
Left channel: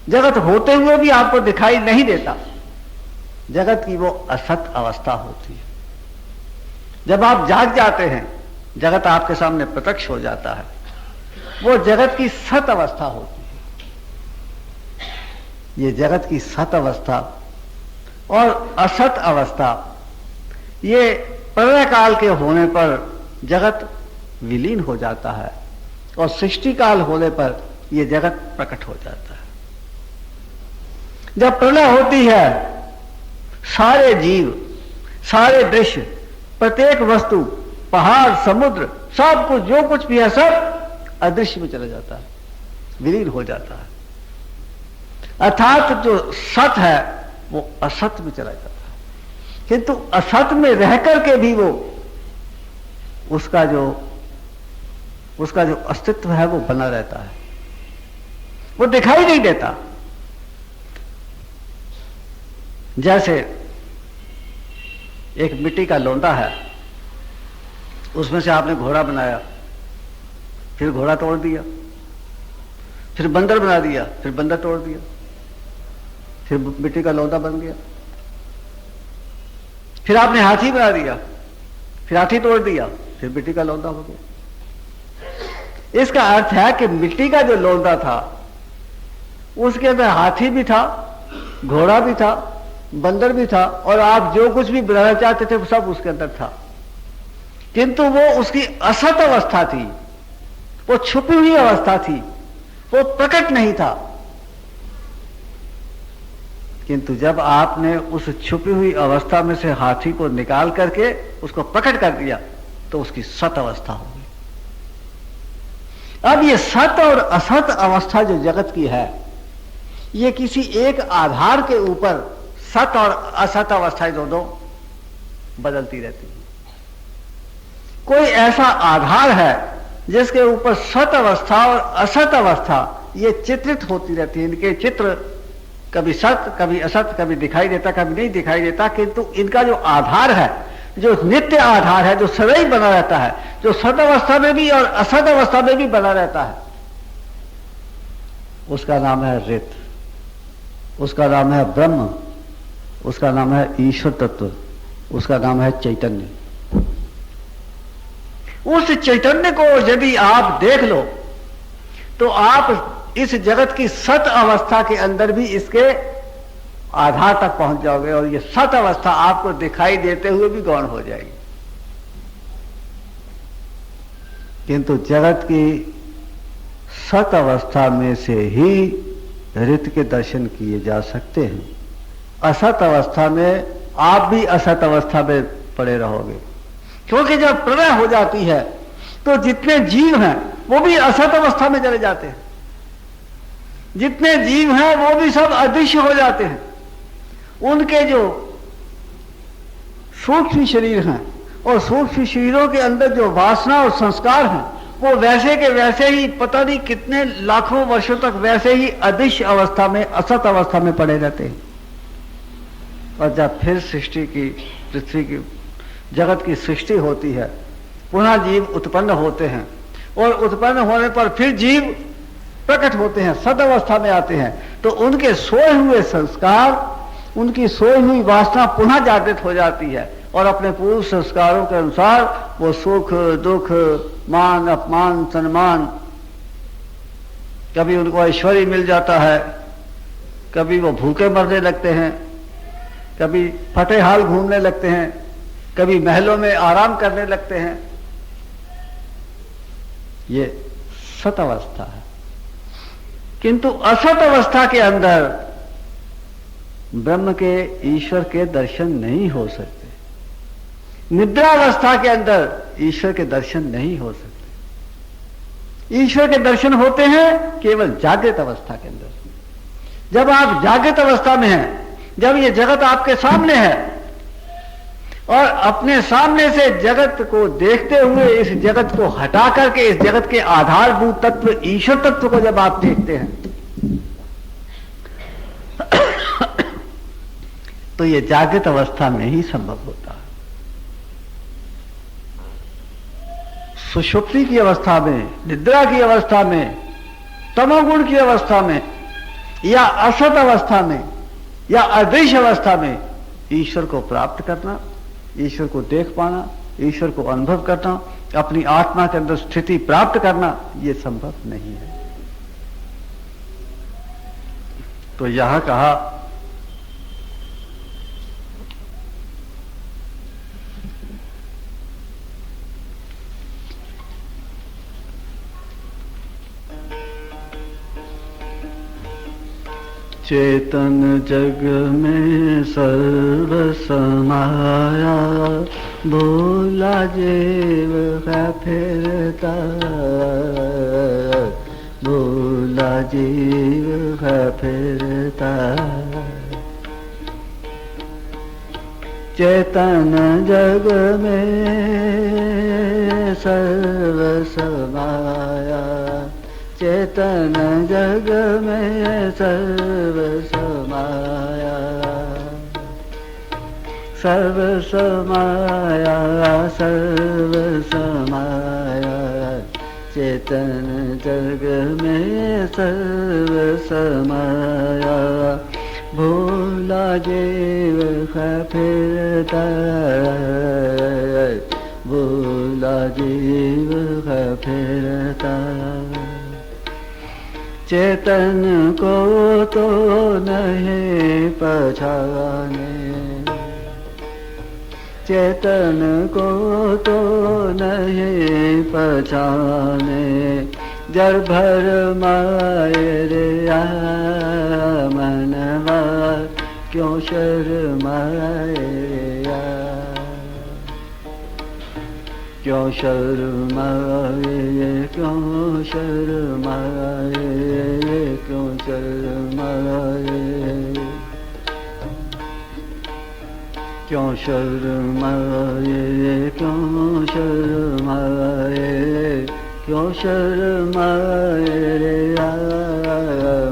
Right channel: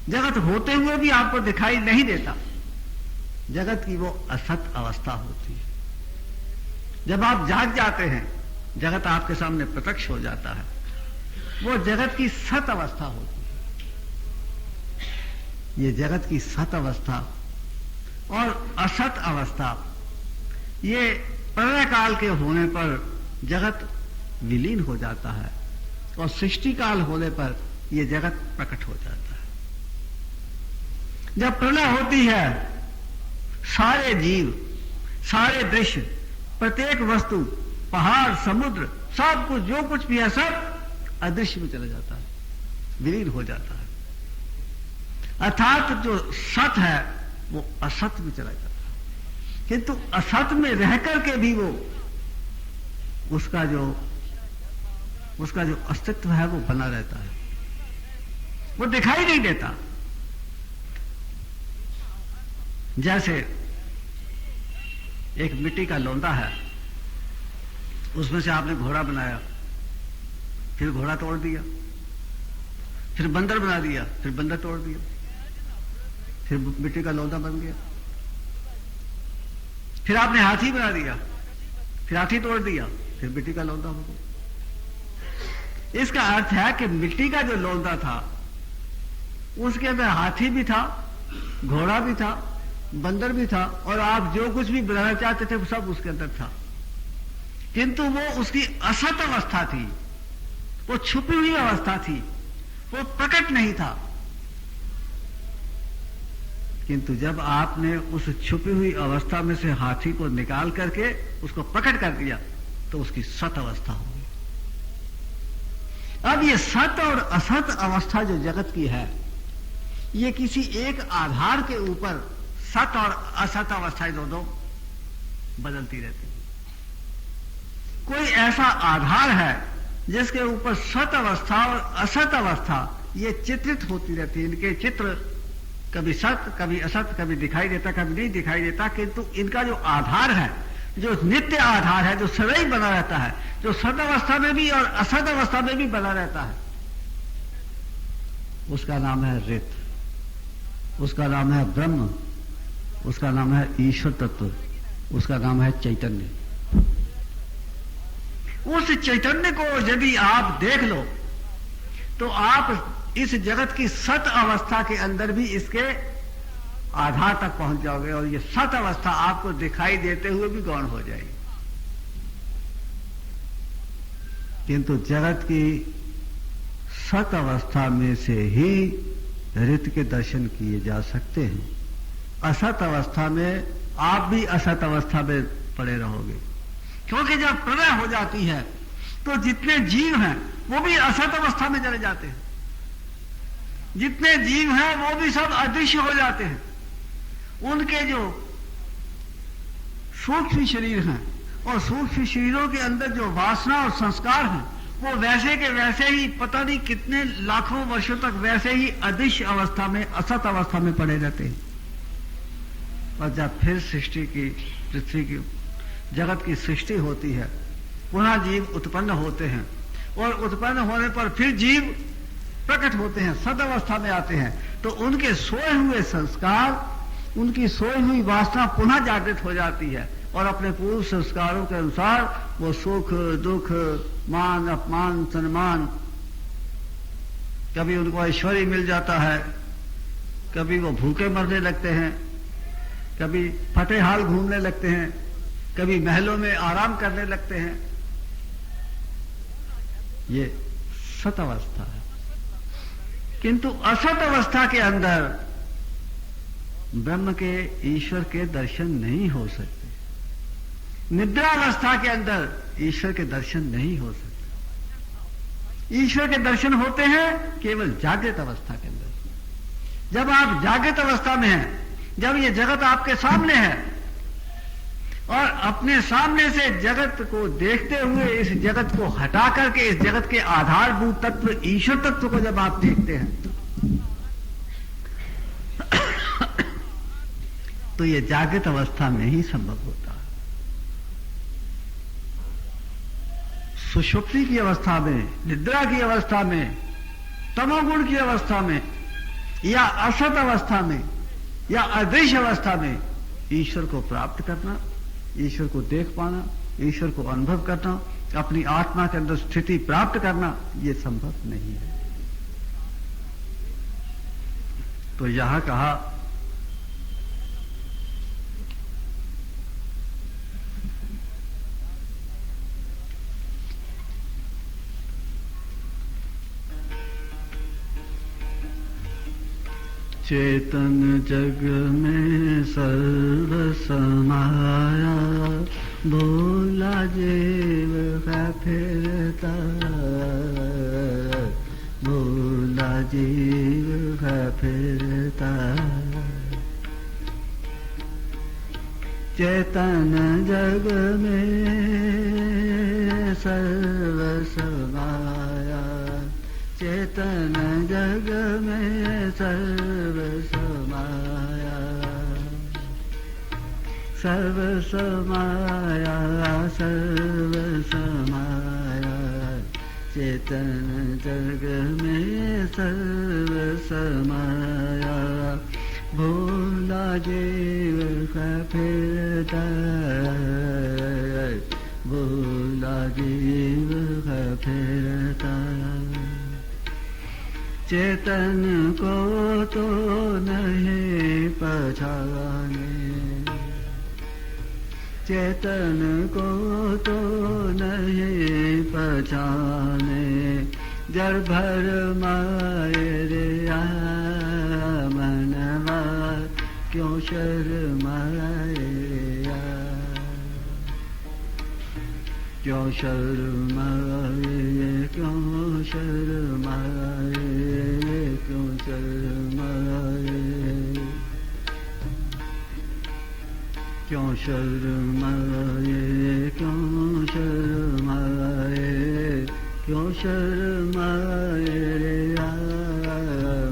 जगत होते हुए भी आपको दिखाई नहीं देता। जगत की वो असत अवस्था होती है। जब आप जाग जाते हैं जगत आपके सामने प्रत्यक्ष हो जाता है, वो जगत की सत अवस्था होती है। ये जगत की सत अवस्था और असत अवस्था, ये प्रलय काल के होने पर जगत विलीन हो जाता है, और सृष्टि काल होने पर यह जगत प्रकट हो जाता है। जब प्रलय होती है, सारे जीव, सारे दृश्य, प्रत्येक वस्तु, पहाड़, समुद्र, सब कुछ, जो कुछ भी है, सब अदृश्य में चला जाता है, विलीन हो जाता है। अर्थात जो सत है वो असत में चला जाता है, किंतु असत में रह करके भी वो उसका जो अस्तित्व है वो बना रहता है, वो दिखाई नहीं देता। जैसे एक मिट्टी का लोंदा है, उसमें से आपने घोड़ा बनाया, फिर घोड़ा तोड़ दिया, फिर बंदर बना दिया, फिर बंदर तोड़ दिया, फिर मिट्टी का लौंदा बन गया, फिर आपने हाथी बना दिया, फिर हाथी तोड़ दिया, फिर मिट्टी का लौंदा हो गया। इसका अर्थ है कि मिट्टी का जो लौंदा था उसके अंदर हाथी भी था, घोड़ा भी था, बंदर भी था, और आप जो कुछ भी बनाना चाहते थे वो सब उसके अंदर था, किंतु वो उसकी असत अवस्था थी, वो छुपी हुई अवस्था थी, वो प्रकट नहीं था। किंतु जब आपने उस छुपी हुई अवस्था में से हाथी को निकाल करके उसको प्रकट कर दिया तो उसकी सत अवस्था हो गई। अब ये सत और असत अवस्था जो जगत की है, ये किसी एक आधार के ऊपर सत और असत अवस्थाएं दोनों बदलती रहती है। कोई ऐसा आधार है जिसके ऊपर सत अवस्था और असत अवस्था ये चित्रित होती रहती है। इनके चित्र कभी सत, कभी असत, कभी दिखाई देता, कभी नहीं दिखाई देता, किंतु इनका जो आधार है, जो नित्य आधार है, जो सदैव बना रहता है, जो सत अवस्था में भी और असत अवस्था में भी बना रहता है, उसका नाम है ऋत, उसका नाम है ब्रह्म, उसका नाम है ईश्वर तत्व, उसका नाम है चैतन्य। उस चैतन्य को यदि आप देख लो तो आप इस जगत की सत अवस्था के अंदर भी इसके आधार तक पहुंच जाओगे और ये सत अवस्था आपको दिखाई देते हुए भी गौण हो जाएगी। किंतु जगत की सत अवस्था में से ही ऋत के दर्शन किए जा सकते हैं। असत अवस्था में आप भी असत अवस्था में पड़े रहोगे, क्योंकि जब प्रलय हो जाती है तो जितने जीव हैं वो भी असत अवस्था में चले जाते हैं, जितने जीव हैं वो भी सब अदृश्य हो जाते हैं। उनके जो सूक्ष्म शरीर हैं और सूक्ष्म शरीरों के अंदर जो वासना और संस्कार हैं वो वैसे के वैसे ही पता नहीं कितने लाखों वर्षों तक वैसे ही अदृश्य अवस्था में, असत अवस्था में पड़े रहते हैं। और जब फिर सृष्टि की, पृथ्वी की, जगत की सृष्टि होती है, पुनः जीव उत्पन्न होते हैं और उत्पन्न होने पर फिर जीव प्रकट होते हैं, सद अवस्था में आते हैं, तो उनके सोए हुए संस्कार, उनकी सोई हुई वासना पुनः जागृत हो जाती है और अपने पूर्व संस्कारों के अनुसार वो सुख दुख, मान अपमान, सम्मान, कभी उनको ऐश्वर्य मिल जाता है, कभी वो भूखे मरने लगते हैं, कभी फटे हाल घूमने लगते हैं, कभी महलों में आराम करने लगते हैं। ये सत अवस्था है। किंतु असत अवस्था के अंदर ब्रह्म के, ईश्वर के दर्शन नहीं हो सकते। निद्रावस्था के अंदर ईश्वर के दर्शन नहीं हो सकते। ईश्वर के दर्शन होते हैं केवल जागृत अवस्था के अंदर। जब आप जागृत अवस्था में हैं, जब ये जगत आपके सामने है और अपने सामने से जगत को देखते हुए इस जगत को हटा करके इस जगत के आधारभूत तत्व ईश्वर तत्व को जब आप देखते हैं तो ये जागृत अवस्था में ही संभव होता है। सुषुप्ति की अवस्था में, निद्रा की अवस्था में, तमोगुण की अवस्था में या असत अवस्था में या अदृश्य अवस्था में ईश्वर को प्राप्त करना, ईश्वर को देख पाना, ईश्वर को अनुभव करना, अपनी आत्मा के अंदर स्थिति प्राप्त करना, यह संभव नहीं है। तो यहां कहा चेतन जग में सर्व समाया, भोला जीव है फिरता, भोला जीव है फिरता। चेतन जग में सर्व समाया, चेतन जग में सर्व समाया, सर्व समाया, सर्व समाया। चेतन जग में सर्व समाया, भोला जीव है फिरता, भोला जीव है फिरता। चेतन को तो नहीं पहचाने, चेतन को तो नहीं पहचाने, जड़ भर माए रे मनवा, क्यों शर्माए रे, क्यों शर्माए, क्यों शर्माए, क्यों शर्माए, क्यों शर्माए, क्यों शर्माए, क्यों शर्माए रे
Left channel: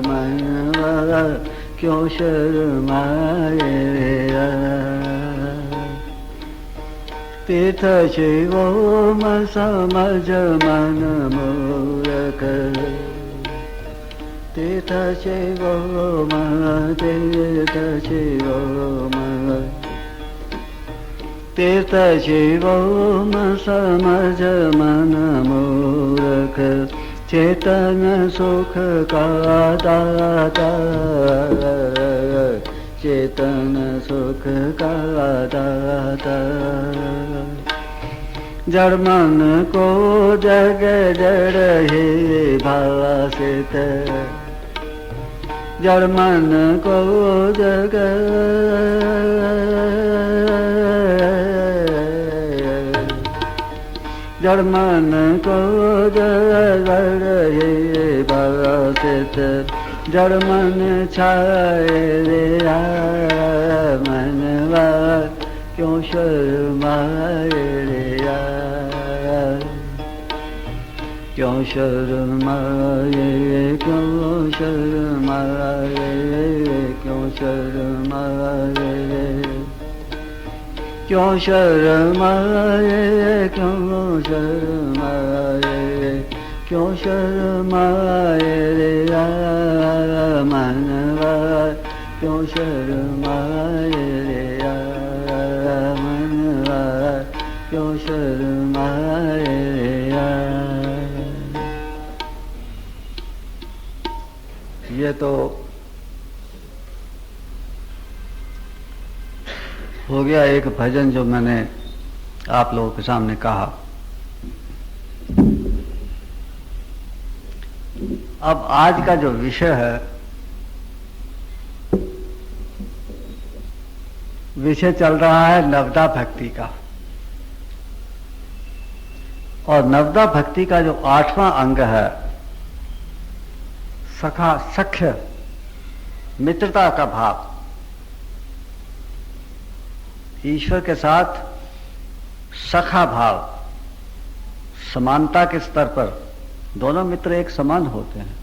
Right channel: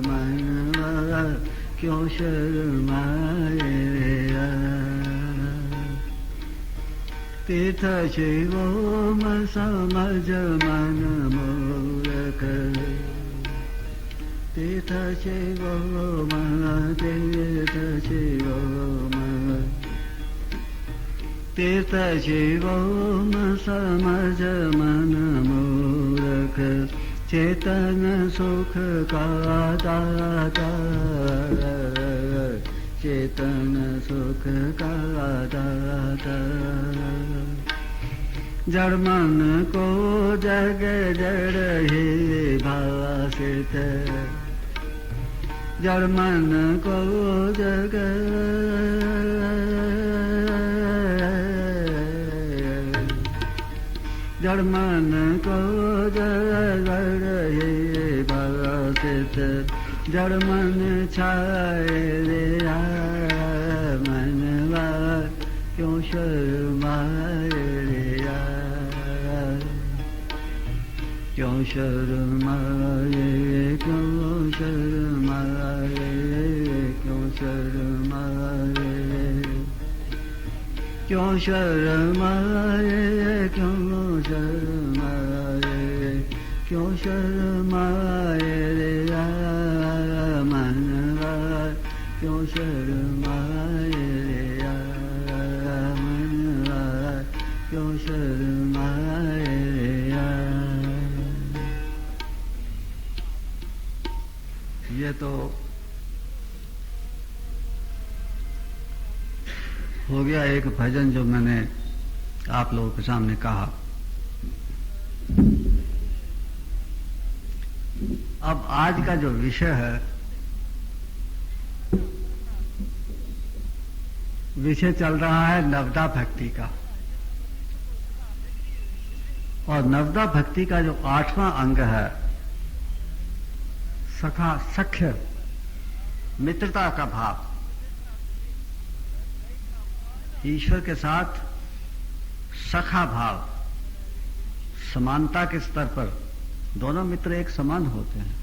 मनवा, क्यों शर्माए रे। तीर्थ शिवोम समझ मन मूरख, तीर्थ शिवो तीर्थ शिवो तीर्थ शिवो समझ मन मूर्ख चेतन सुख का दाता चेतन सुख का दाता जड़ मन को जग जड़ ही भासित जड़ मन को जग जड़ मन को जड़ ही भासित जड़ मन छाए रे मनवा क्यों शर्माए रे क्यों शर्माए क्यों शर्माए क्यों शर्माए क्यों शर्माए क्यों शर्माए क्यों शर्माए रे मनवा क्यों शर्माए रे मनवा क्यों शर्माए रे ये तो हो गया एक भजन जो मैंने आप लोगों के सामने कहा। अब आज का जो विषय है, विषय चल रहा है नवदा भक्ति का, और नवदा भक्ति का जो 8वां अंग है सखा सख्य मित्रता का भाव, ईश्वर के साथ सखा भाव, समानता के स्तर पर दोनों मित्र एक समान होते हैं।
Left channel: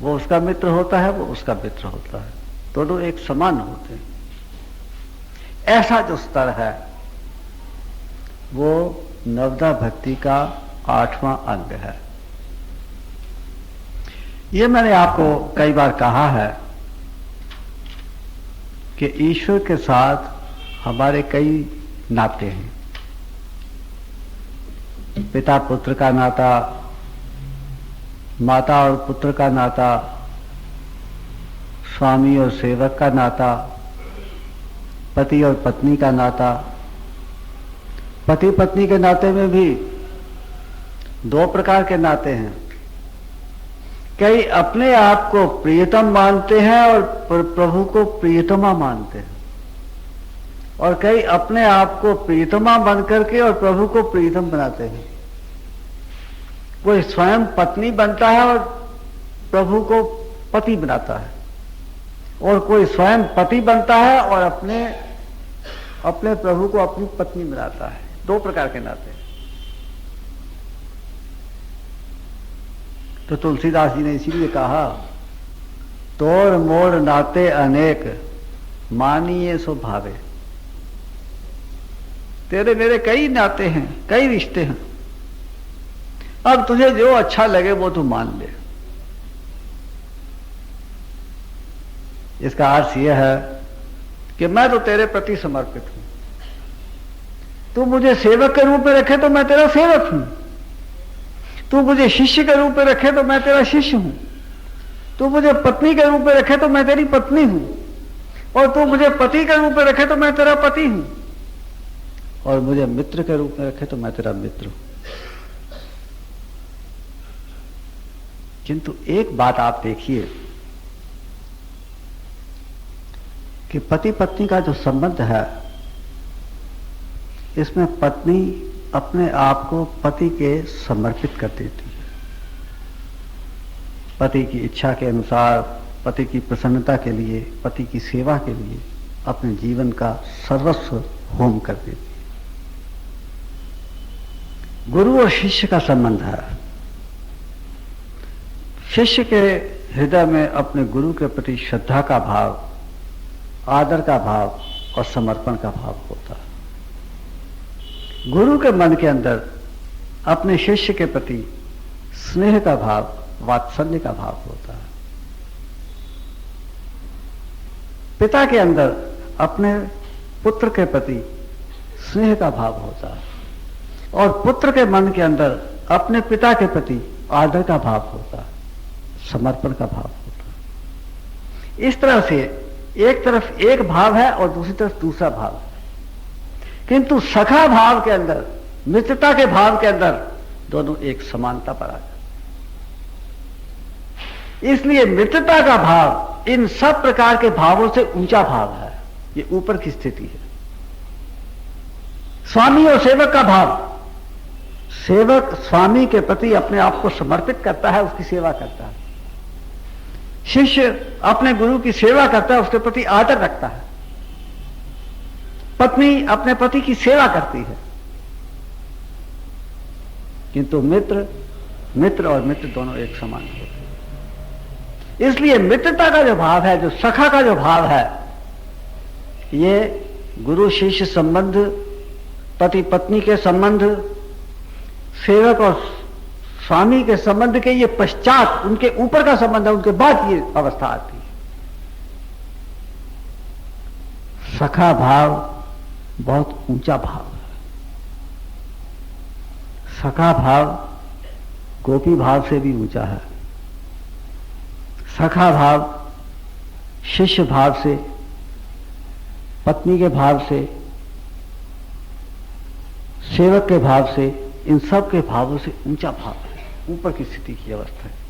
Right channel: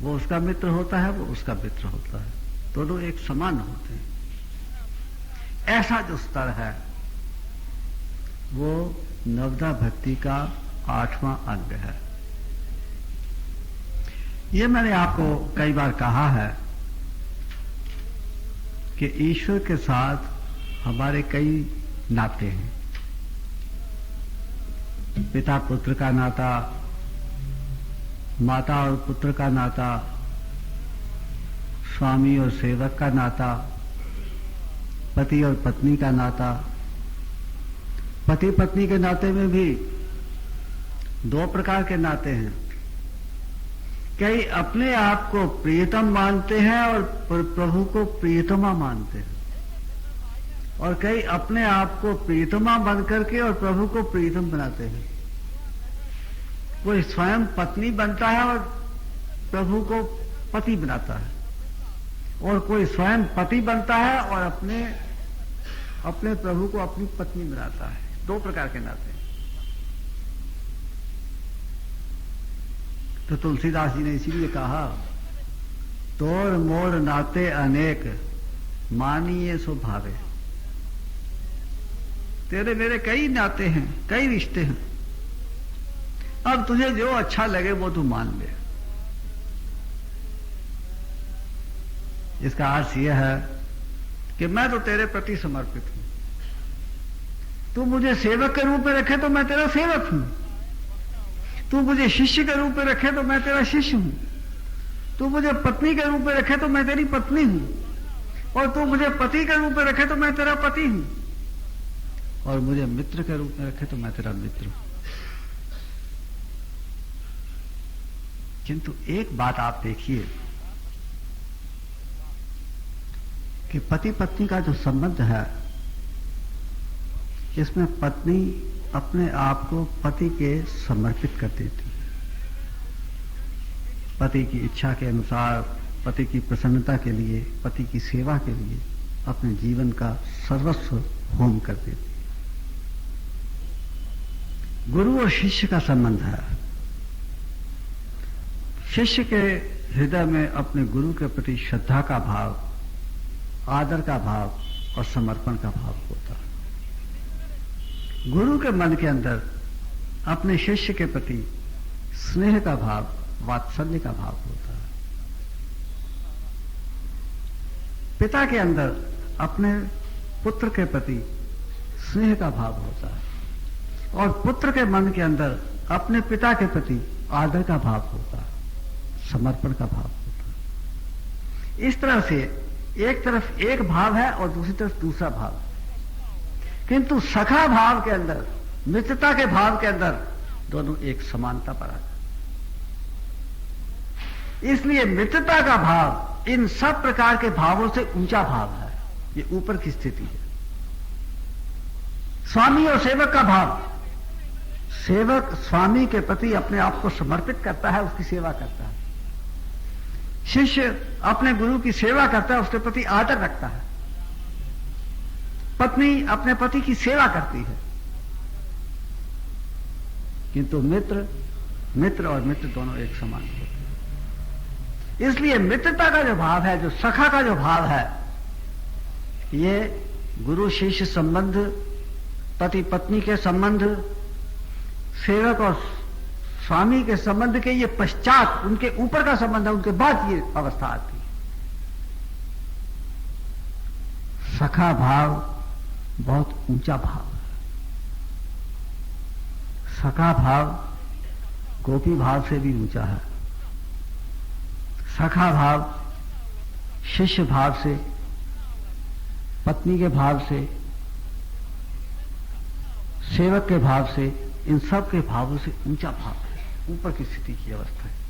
वो उसका मित्र होता है, वो उसका मित्र होता है, दोनों एक समान होते हैं। ऐसा जो स्तर है वो नवदा भक्ति का 8वां अंग है। ये मैंने आपको कई बार कहा है कि ईश्वर के साथ हमारे कई नाते हैं। पिता पुत्र का नाता, माता और पुत्र का नाता, स्वामी और सेवक का नाता, पति और पत्नी का नाता। पति पत्नी के नाते में भी 2 प्रकार के नाते हैं। कई अपने आप को प्रियतम मानते हैं और प्रभु को प्रियतमा मानते हैं, और कई अपने आप को प्रियतमा बन करके और प्रभु को प्रियतम बनाते हैं। कोई स्वयं पत्नी बनता है और प्रभु को पति बनाता है, और कोई स्वयं पति बनता है और अपने प्रभु को अपनी पत्नी बनाता है। 2 प्रकार के नाते। तो तुलसीदास जी ने इसीलिए कहा, तोड़ मोड़ नाते अनेक मानिए सो भावे। तेरे मेरे कई नाते हैं, कई रिश्ते हैं, अब तुझे जो अच्छा लगे वो तू मान ले। इसका अर्थ यह है कि मैं तो तेरे प्रति समर्पित हूं। तू मुझे सेवक के रूप में रखे तो मैं तेरा सेवक हूं, तू मुझे शिष्य के रूप में रखे तो मैं तेरा शिष्य हूं, तू मुझे पत्नी के रूप में रखे तो मैं तेरी पत्नी हूं, और तू मुझे पति के रूप में रखे तो मैं तेरा पति हूं, और मुझे मित्र के रूप में रखे तो मैं तेरा मित्र हूं। किंतु एक बात आप देखिए कि पति पत्नी का जो संबंध है, इसमें पत्नी अपने आप को पति के समर्पित कर देती है। पति की इच्छा के अनुसार, पति की प्रसन्नता के लिए, पति की सेवा के लिए अपने जीवन का सर्वस्व होम कर देती है। गुरु और शिष्य का संबंध है। शिष्य के हृदय में अपने गुरु के प्रति श्रद्धा का भाव, आदर का भाव और समर्पण का भाव होता है। गुरु के मन के अंदर अपने शिष्य के प्रति स्नेह का भाव, वात्सल्य का भाव होता है। पिता के अंदर अपने पुत्र के प्रति स्नेह का भाव होता है और पुत्र के मन के अंदर अपने पिता के प्रति आदर का भाव होता है, समर्पण का भाव होता है। इस तरह से एक तरफ एक भाव है और दूसरी तरफ दूसरा भाव है, किंतु सखा भाव के अंदर, मित्रता के भाव के अंदर दोनों एक समानता पर आ जाते। इसलिए मित्रता का भाव इन सब प्रकार के भावों से ऊंचा भाव है, ये ऊपर की स्थिति है। स्वामी और सेवक का भाव, सेवक स्वामी के प्रति अपने आप को समर्पित करता है, उसकी सेवा करता है। शिष्य अपने गुरु की सेवा करता है, उसके प्रति आदर रखता है। पत्नी अपने पति की सेवा करती है। किंतु मित्र और मित्र दोनों एक समान होते हैं। इसलिए मित्रता का जो भाव है, जो सखा का जो भाव है, ये गुरु शिष्य संबंध, पति पत्नी के संबंध, सेवक और स्वामी के संबंध के ये पश्चात, उनके ऊपर का संबंध है, उनके बाद ये अवस्था आती है। सखा भाव बहुत ऊंचा भाव है। सखा भाव गोपी भाव से भी ऊंचा है। सखा भाव शिष्य भाव से, पत्नी के भाव से, सेवक के भाव से, इन सब के भावों से ऊंचा भाव है, ऊपर की स्थिति की अवस्था है।